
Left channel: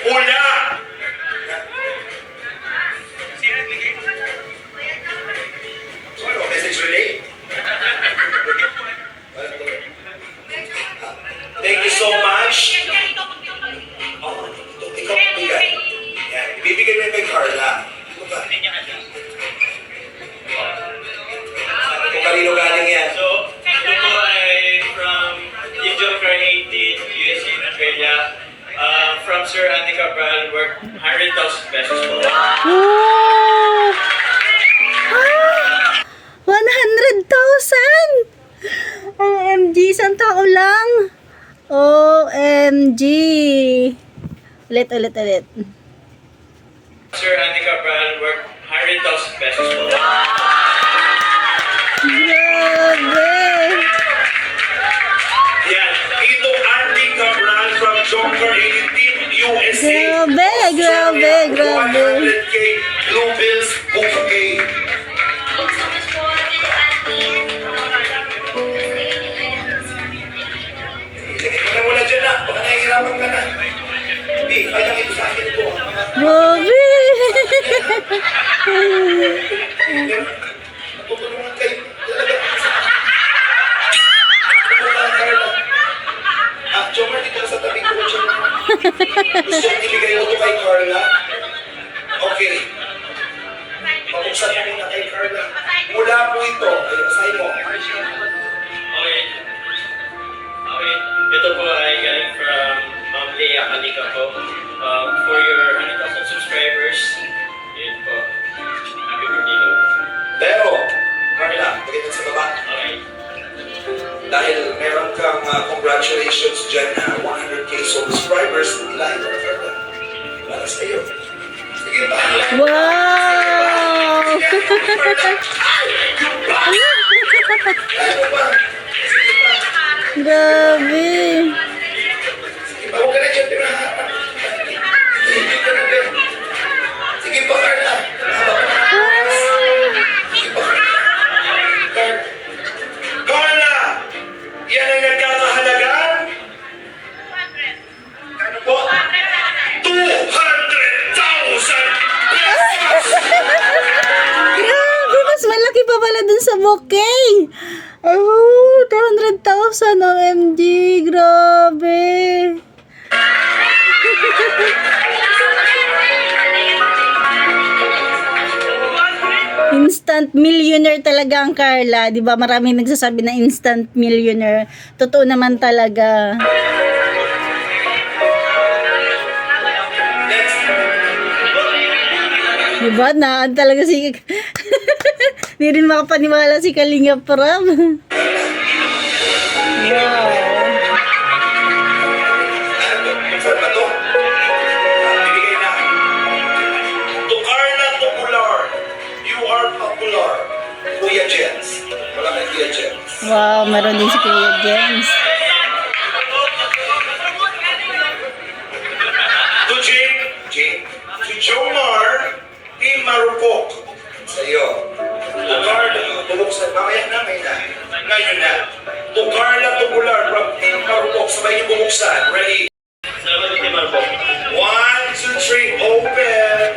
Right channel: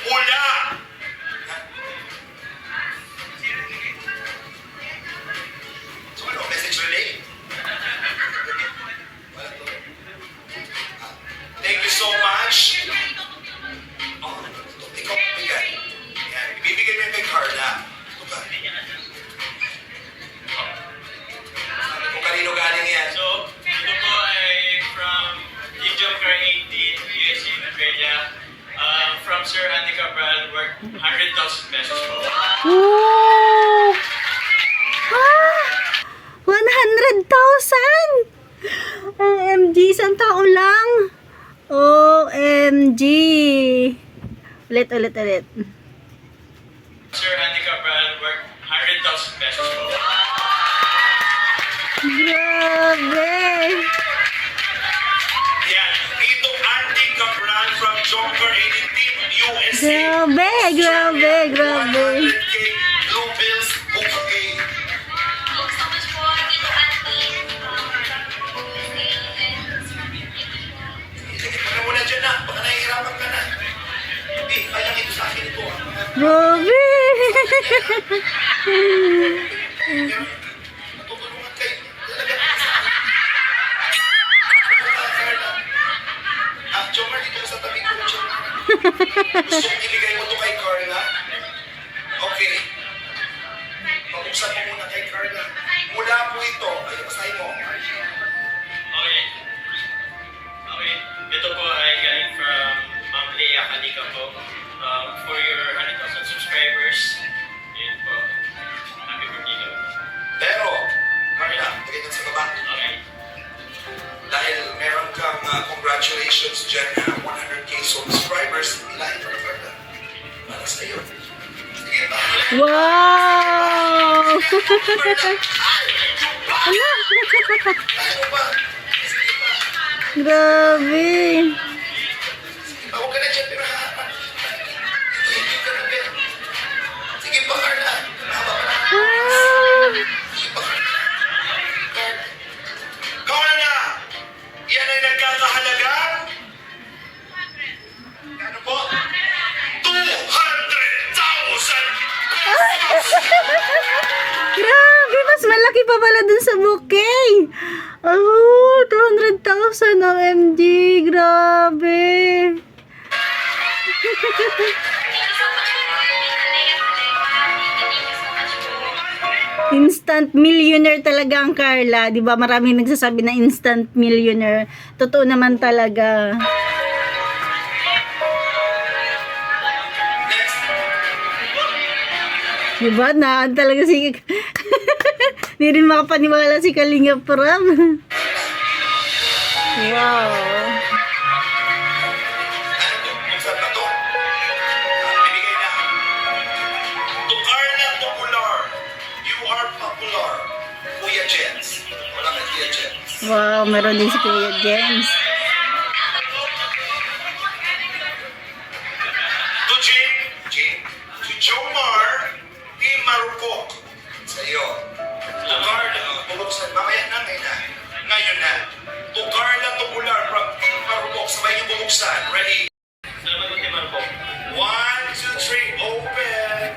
Ula! So ano, message relay? Wala to. Thank you so much. Oh, ikaw bigay. Yan, ibibigay mo yun kay Carla. Ito ka. Kung kanino galing yan. So, ito po ay from Gijon Carnation, USA, Australia. From Sir Andy Cabral, worth 100,000 pesos po. Oh! Ah! 100,000! OMG, isang tao lang. OMG. Ulit. Sir Andy Cabral, worth 100,000 pesos po. Grabe. Yan, Tito Andy Cabral from Joker 18 Team USA. Grabe. 100K Blue Bills bouquet. Thank you so much po, Tito Andy. Ilagay mo na muna dyan na. Baka nahihirapan ka na. Hindi, kaya ito sa akin ito. Grabe. Natutulungan kayo. Jomar, dito sa tabi ko. Gusto yung iligay mo ito kay Carla? Okay. Pabuksan mo muna kay Carla. Mula po ito. Ay, basahin mo. Okay. Ito po ay galing from Ma'am Leia Kalika po. For your 100,000 subscribers. Yun po. Happy birthday daw. Pero, Carla, pagkita sa baba. Okay. Dahil meron kang congratulations dyan na 100K subscribers live on Carla. Para sa iyo. Sige ba? Wow. Ano ba? Sige ba? Grabe. Sige ba? Huwag ka na dyan, pero sige ka na dyan. Sige ba, Carla? Haba ka na. Ah. Sige ba, Carla? Carla! Yan ay nagkakahalagan? Ano po? 200,000 pesos! Grabe, mas malaki pa pala dun sa bouquet. Oh, 200,000 OMG. Grabe. Instant millionaire talaga ang Carla. 'Di ba? Maraming nagsasabi na instant millionaire. Totoo naman talaga. Next. 'Di ba? Naan talaga si Hindi rin makapaniwala si Kalinga Prab. Wow. Saan ba to? Bibigay na. To Carla Popular. You are popular. Kuya Jens. Wala kay Kuya Jens. Wow, meron din si Kuya James. To Jane. To Jomar. Team Marupok. Sa iyo. To Carla. Tulog sa... Mamaya na, ngayon na. Ngayon na. To Carla Popular from Team Marupok. Sabay niyo bumuksan. Ready? Salamat din naman po. 1, 2, 3, open!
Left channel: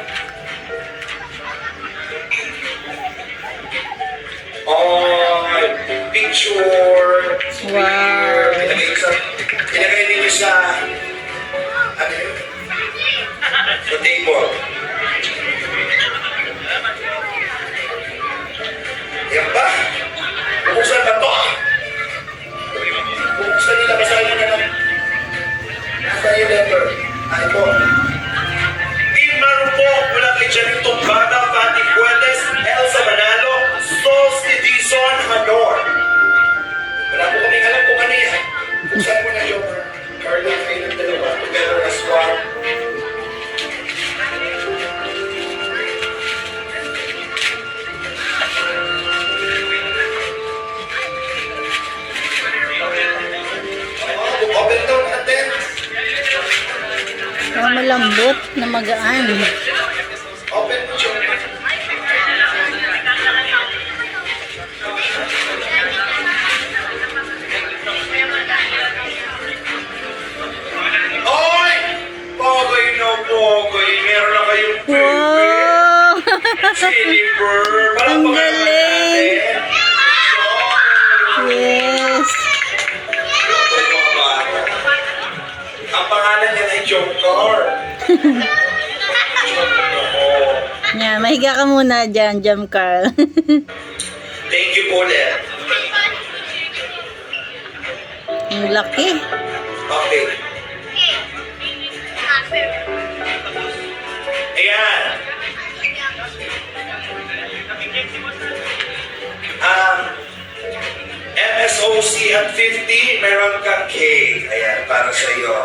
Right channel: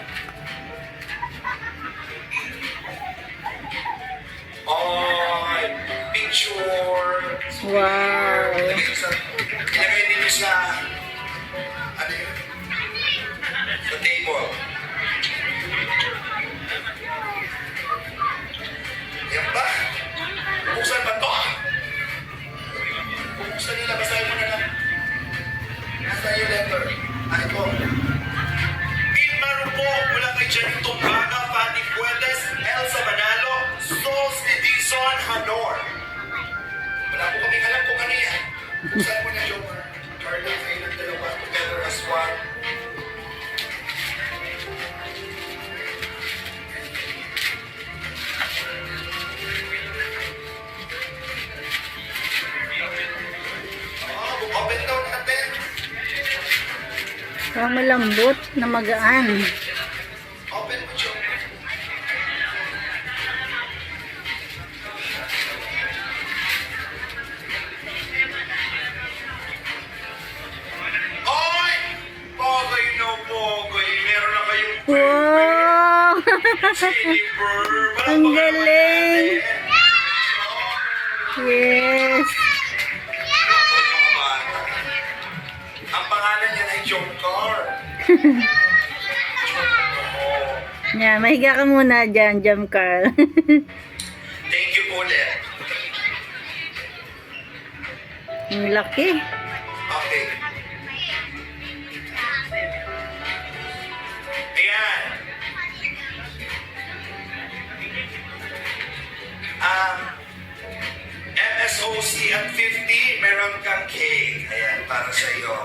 On! Picture! Wow. Ilagay ninyo sa... Ano yun? Sa table. Yan ba? Buksan ba to? Buksan nila. Basahin nyo na lang. Nasaan yung letter? Ito. Team Marupok mula kay Janito Bada, Pati Puentes, Elsa Manalo, Sos Edison Hanor. Wala po kaming alam kung ano yan. malambot na magaan. Open mo, Jomar. Oy! Pogay na pogay. Meron na kayong Wow! silver. Ang galing! Yes! Ang pangalan niya ay Jomcar. Yan, mahiga ka muna dyan, Jam Carl. Thank you po ulit. Ang laki. Okay. Ayan. MSOC at 50, meron kang cake. Ayan, para sa iyo.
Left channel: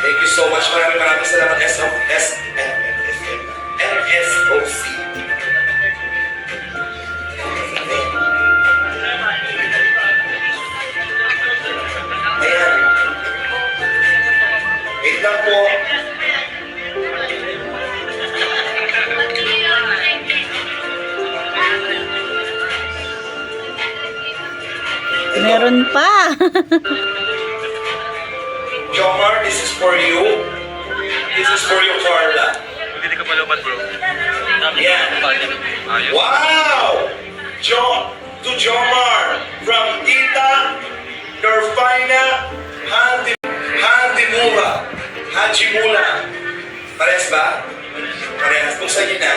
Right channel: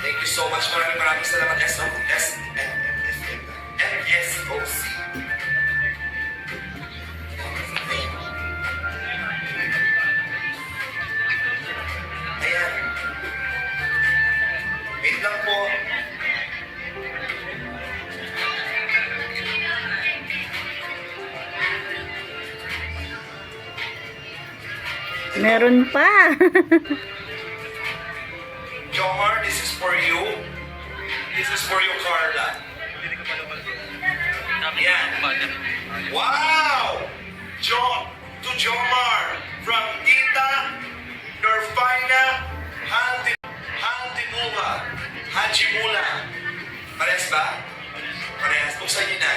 Thank you so much. Maraming salamat. MSOC. Ayan. Wait lang po. Meron pa. Jomar, this is for you. This is for you, Carla. Hindi ka palupat, bro. Yan. Wow! To Jomar, from Tita Norfina Hajimula. Parehas ba? Parehas. Kung sa'yo na.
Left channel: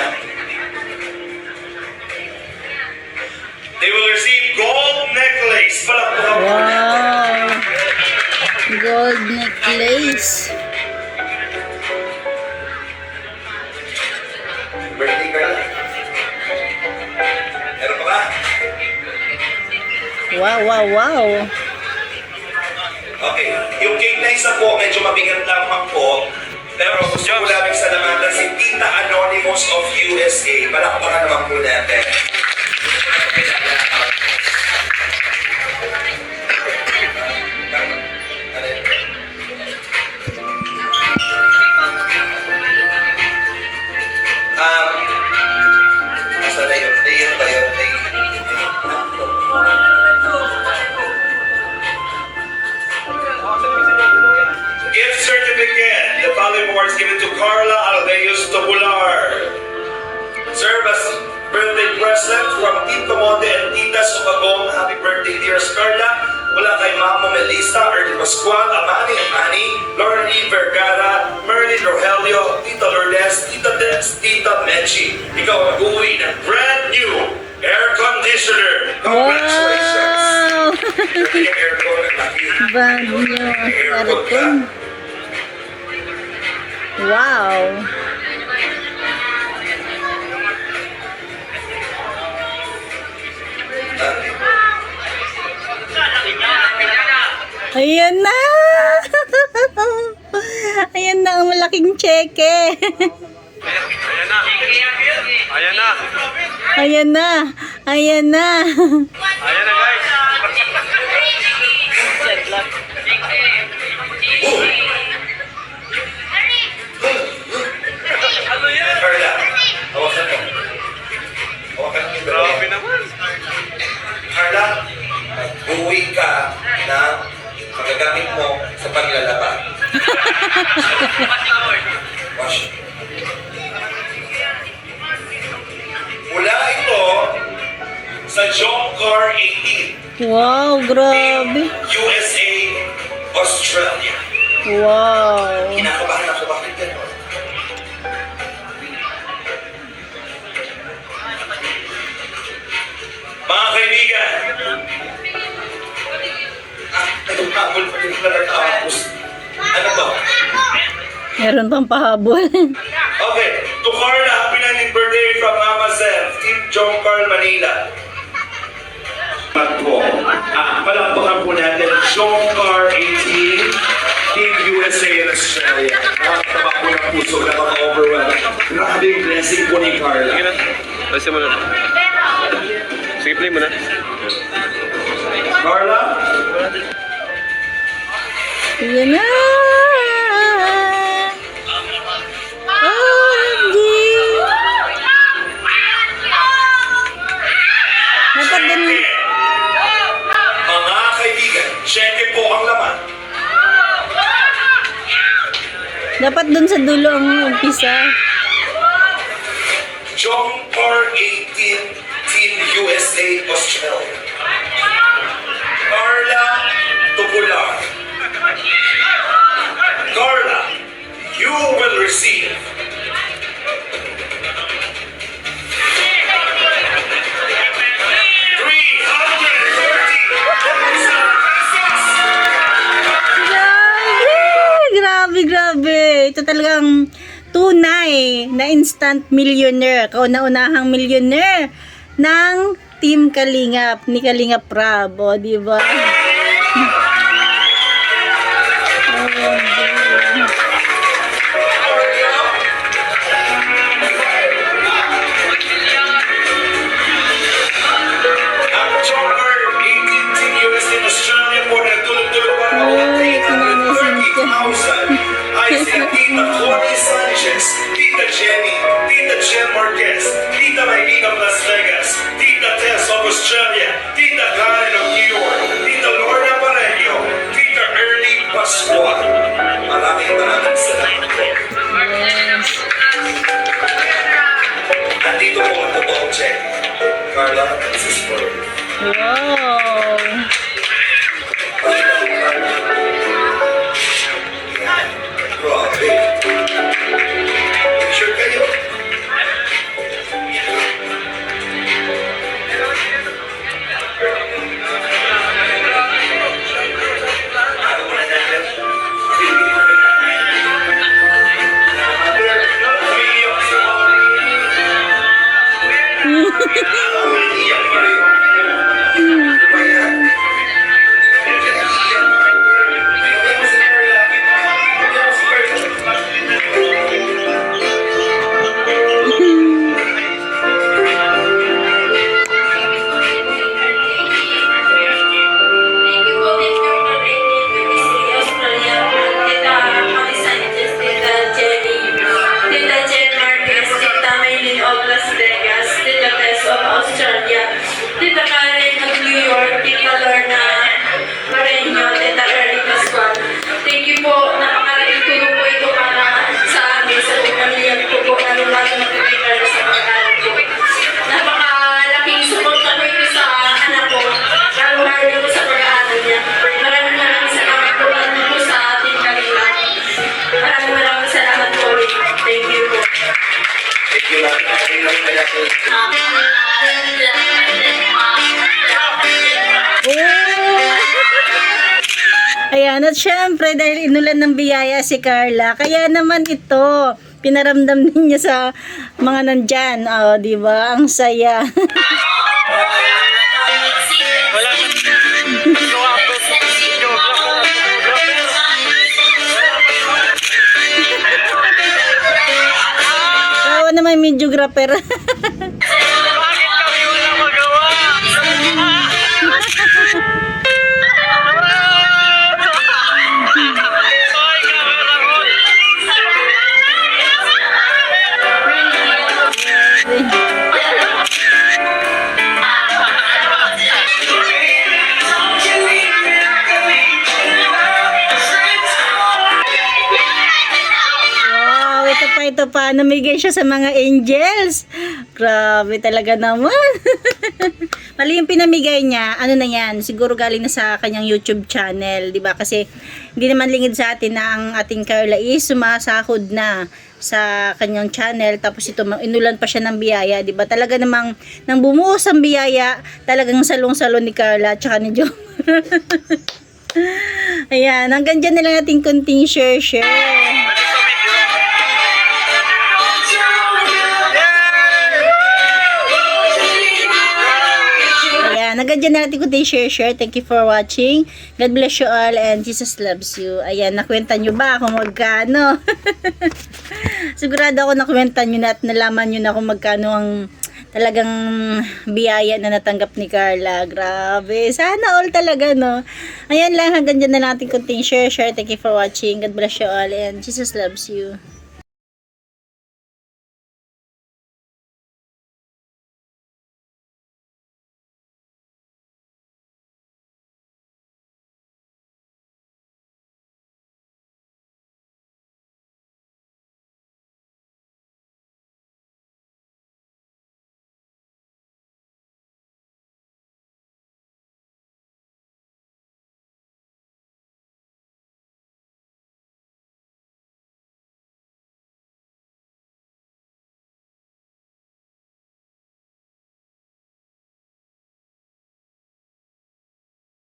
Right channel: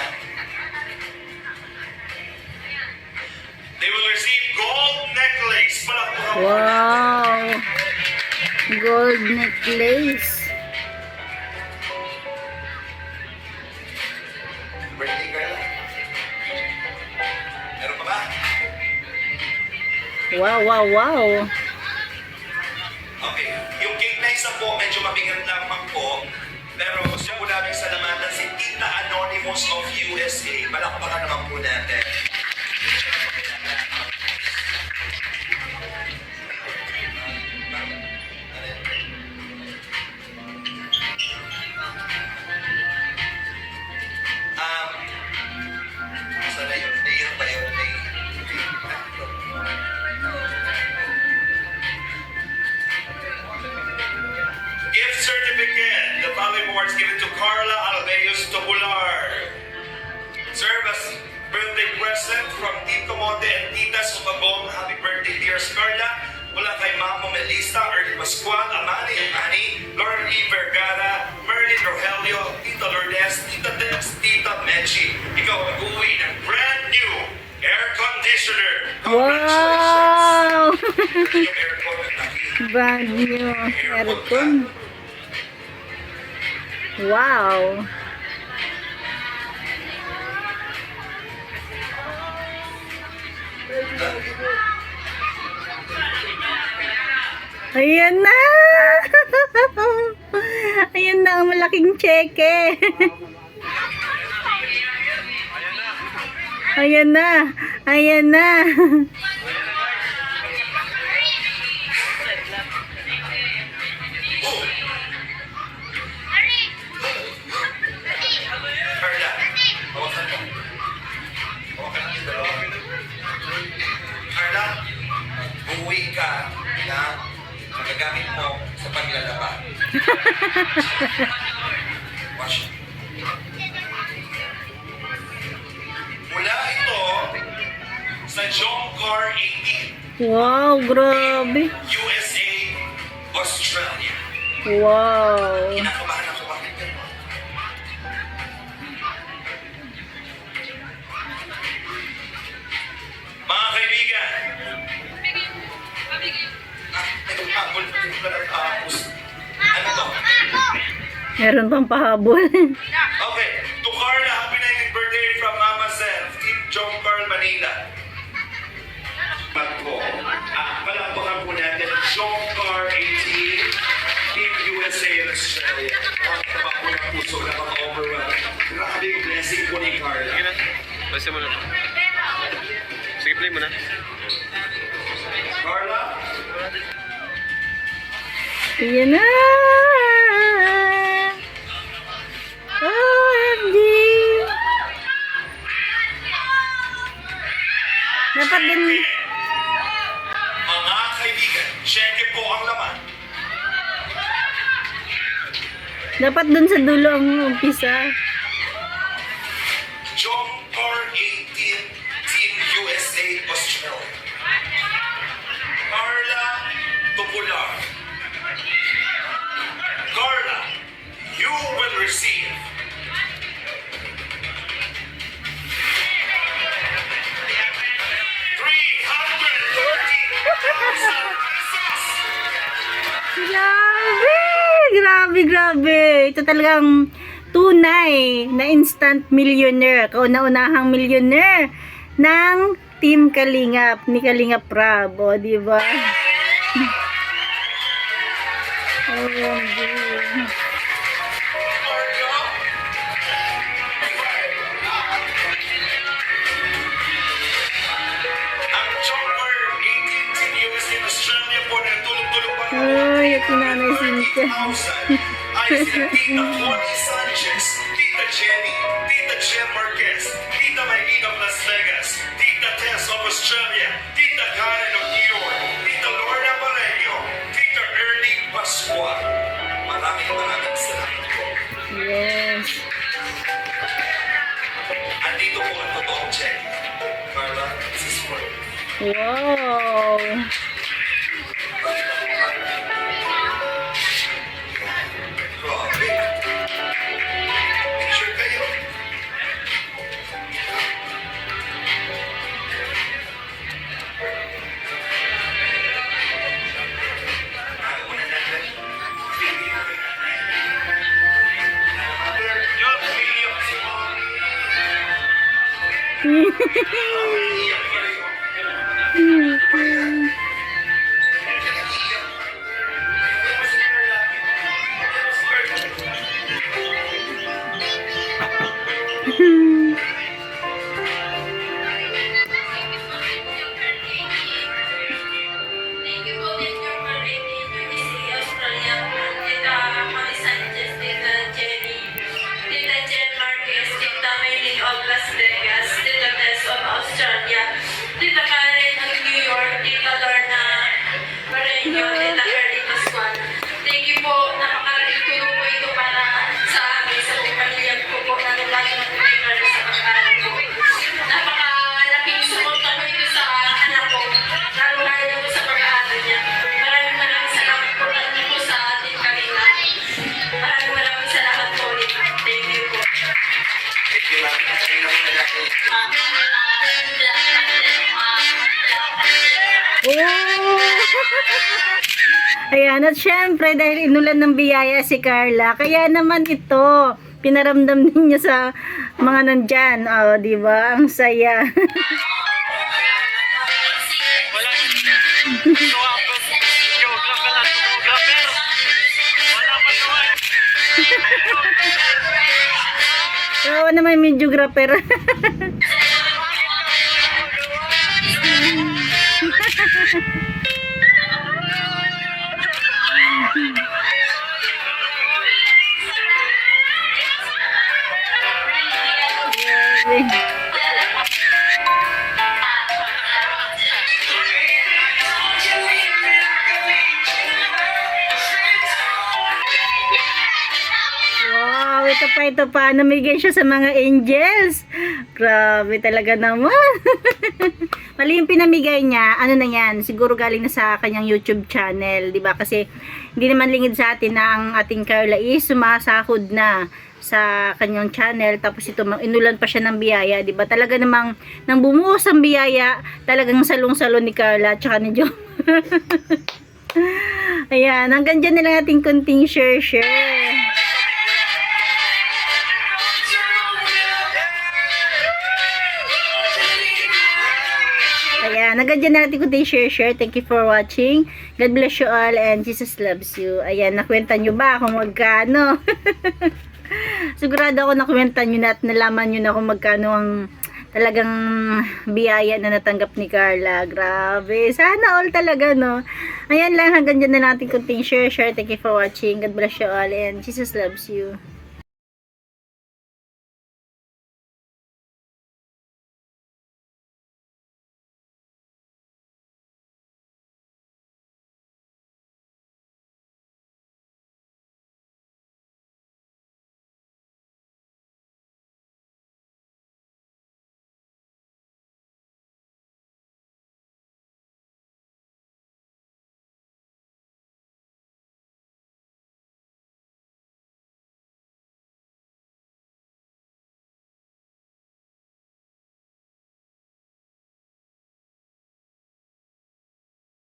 They will receive gold necklace. Palakpakan mo. Wow! Gold necklace. Birthday girl. Meron pa ba? Wow, wow, wow. Okay. Yung cake na isa po, medyo mabigat lamang po. Pero gusto ko lamang salamatan si Tita Anonymous of USA. Palakpakan naman po natin. Asa na yun? Yun ba yun? Gift certificate. The following awards given to Carla Alveus Tobular. Serve as birthday present from Tito Monte and Tita Sumagong. Happy birthday, dear Carla. Mula kay Mamo Melissa, Ernie Pascual, Amani Amani, Lauren E. Vergara, Merlin Rogelio, Tita Lourdes, Tita Des, Tita Mechi. Ikaw ang mag-uwi ng brand new air conditioner. Wow! Congratulations! Yung aircon ang laki. Brand new aircon. Wow! Ayan na! Ayan na ang malaking cheque. Ayan na. Ayan na! Ayan na! Ayan na, guys. Carla, hawakan mo. Hawakan mo yung dalawa. Grabe naman. Carla, mag-uwi ka ng magagamit mo sa paglalaba. Wash. Mula ito sa Jomcar 18, Wow, grabe! USA, Australia. Wow! Kinakabahan ako, bakit gano'n? Mga kaibigan, nagpapabol pa din pala tapos. Ano to? Meron pang pahabol. Okay, to Carla, happy 19th birthday from Mama Zen, Team Jomcar Manila. Patro, palakpakan po natin ang Jomcar 18, Team USA and Australia. Nakakataba po ng puso, nakaka-overwhelm. Grabe yung blessing po ni Carla. Sige na. Lasi mo na. Sige, play mo na. Carla? Ayan na! dapat din, Mga kaibigan, cheque po ang laman. dapat dun sa dulo ang umpisa. Jomcar 18, Team USA, Australia. Carla Tupular. Carla, you will receive 330,000 pesos. Grabe, grabe. Ito talagang tunay na instant millionaire. Kauna-unahang millionaire ng Team Kalingap, ni Kalingap Rab. O, diba? Ang Jomcar 18, Team USA, Australia po na tulog-tulog pa Ay, ito Nanay Cynthia. 30,000 ay sina Tita Connie Sanchez, Tita Jenny, Tita Jen Marquez, Tita Maylene of Las Vegas, Tita Tess of Australia, Tita Karen of New York, Tita Lorna Pareño, Tita Ernie Pascual. Maraming salamat po. Yes. Andito po ang totoong check. Carla, this is for you. Wow. Grabe. Picture kayo. Ano mo na natin? Umiiyak si Mami. Umiiyak pa rin. Ano ba yan? Thank you po, thank you for 1823 Australia. Tita Connie Sanchez, Tita Jenny, Tita Jen Marquez, Tita Maylene of Las Vegas, Tita Tess of Australia, Tita Karen of New York, Tita Lorna Pareño, Tita Ernie Pascual. Thank you po, napakalaking tulong po ito para sa amin, sa pamilya ko po, lalo-lalo na po kay Carla sa pagkain ko. Napakalaking suporta po ito sa anak ko, lalo-lalo po sa pag-aaral niya. Maraming salamat po lalo po sa ating kanila. Maraming salamat po ulit. Thank you po. Thank you, Mami. Okay lang na natin. Ayan, at syempre, dahil inulan ng biyaya si Carla, kaya naman ito, pinaramdam din niya sa mga nandyan. O, di ba? Ang saya. Wala ka geographer. Wala pa naman. Oo naman, videographer. Bakit kami wala magawa? Wow, ito pa. Namigay siya sa mga angels. Grabe talaga naman. Mali yung pinamigay niya, ano na yan, siguro galing na sa kanyang YouTube channel, di ba? Kasi hindi naman lingid sa atin na ang ating Carla is sumasahod na sa kanyang channel, tapos ito inulan pa siya ng biyaya, di ba? Talaga namang nang bumuhos ang biyaya, talagang salong-salon ni Carla at saka ni Joe. Ayan, hanggang dyan na lang ating kunting share. Ayan, hanggang dyan na natin kunting share. Thank you for watching. God bless you all and Jesus loves you. Ayan, nakwenta nyo ba kung magkano? Sigurado ako nakwenta nyo na at nalaman nyo na kung magkano ang talagang biyaya na natanggap ni Carla. Grabe. Sana all talaga, no? Ayan lang, hanggang dyan na natin kunting share. Thank you for watching. God bless you all and Jesus loves you.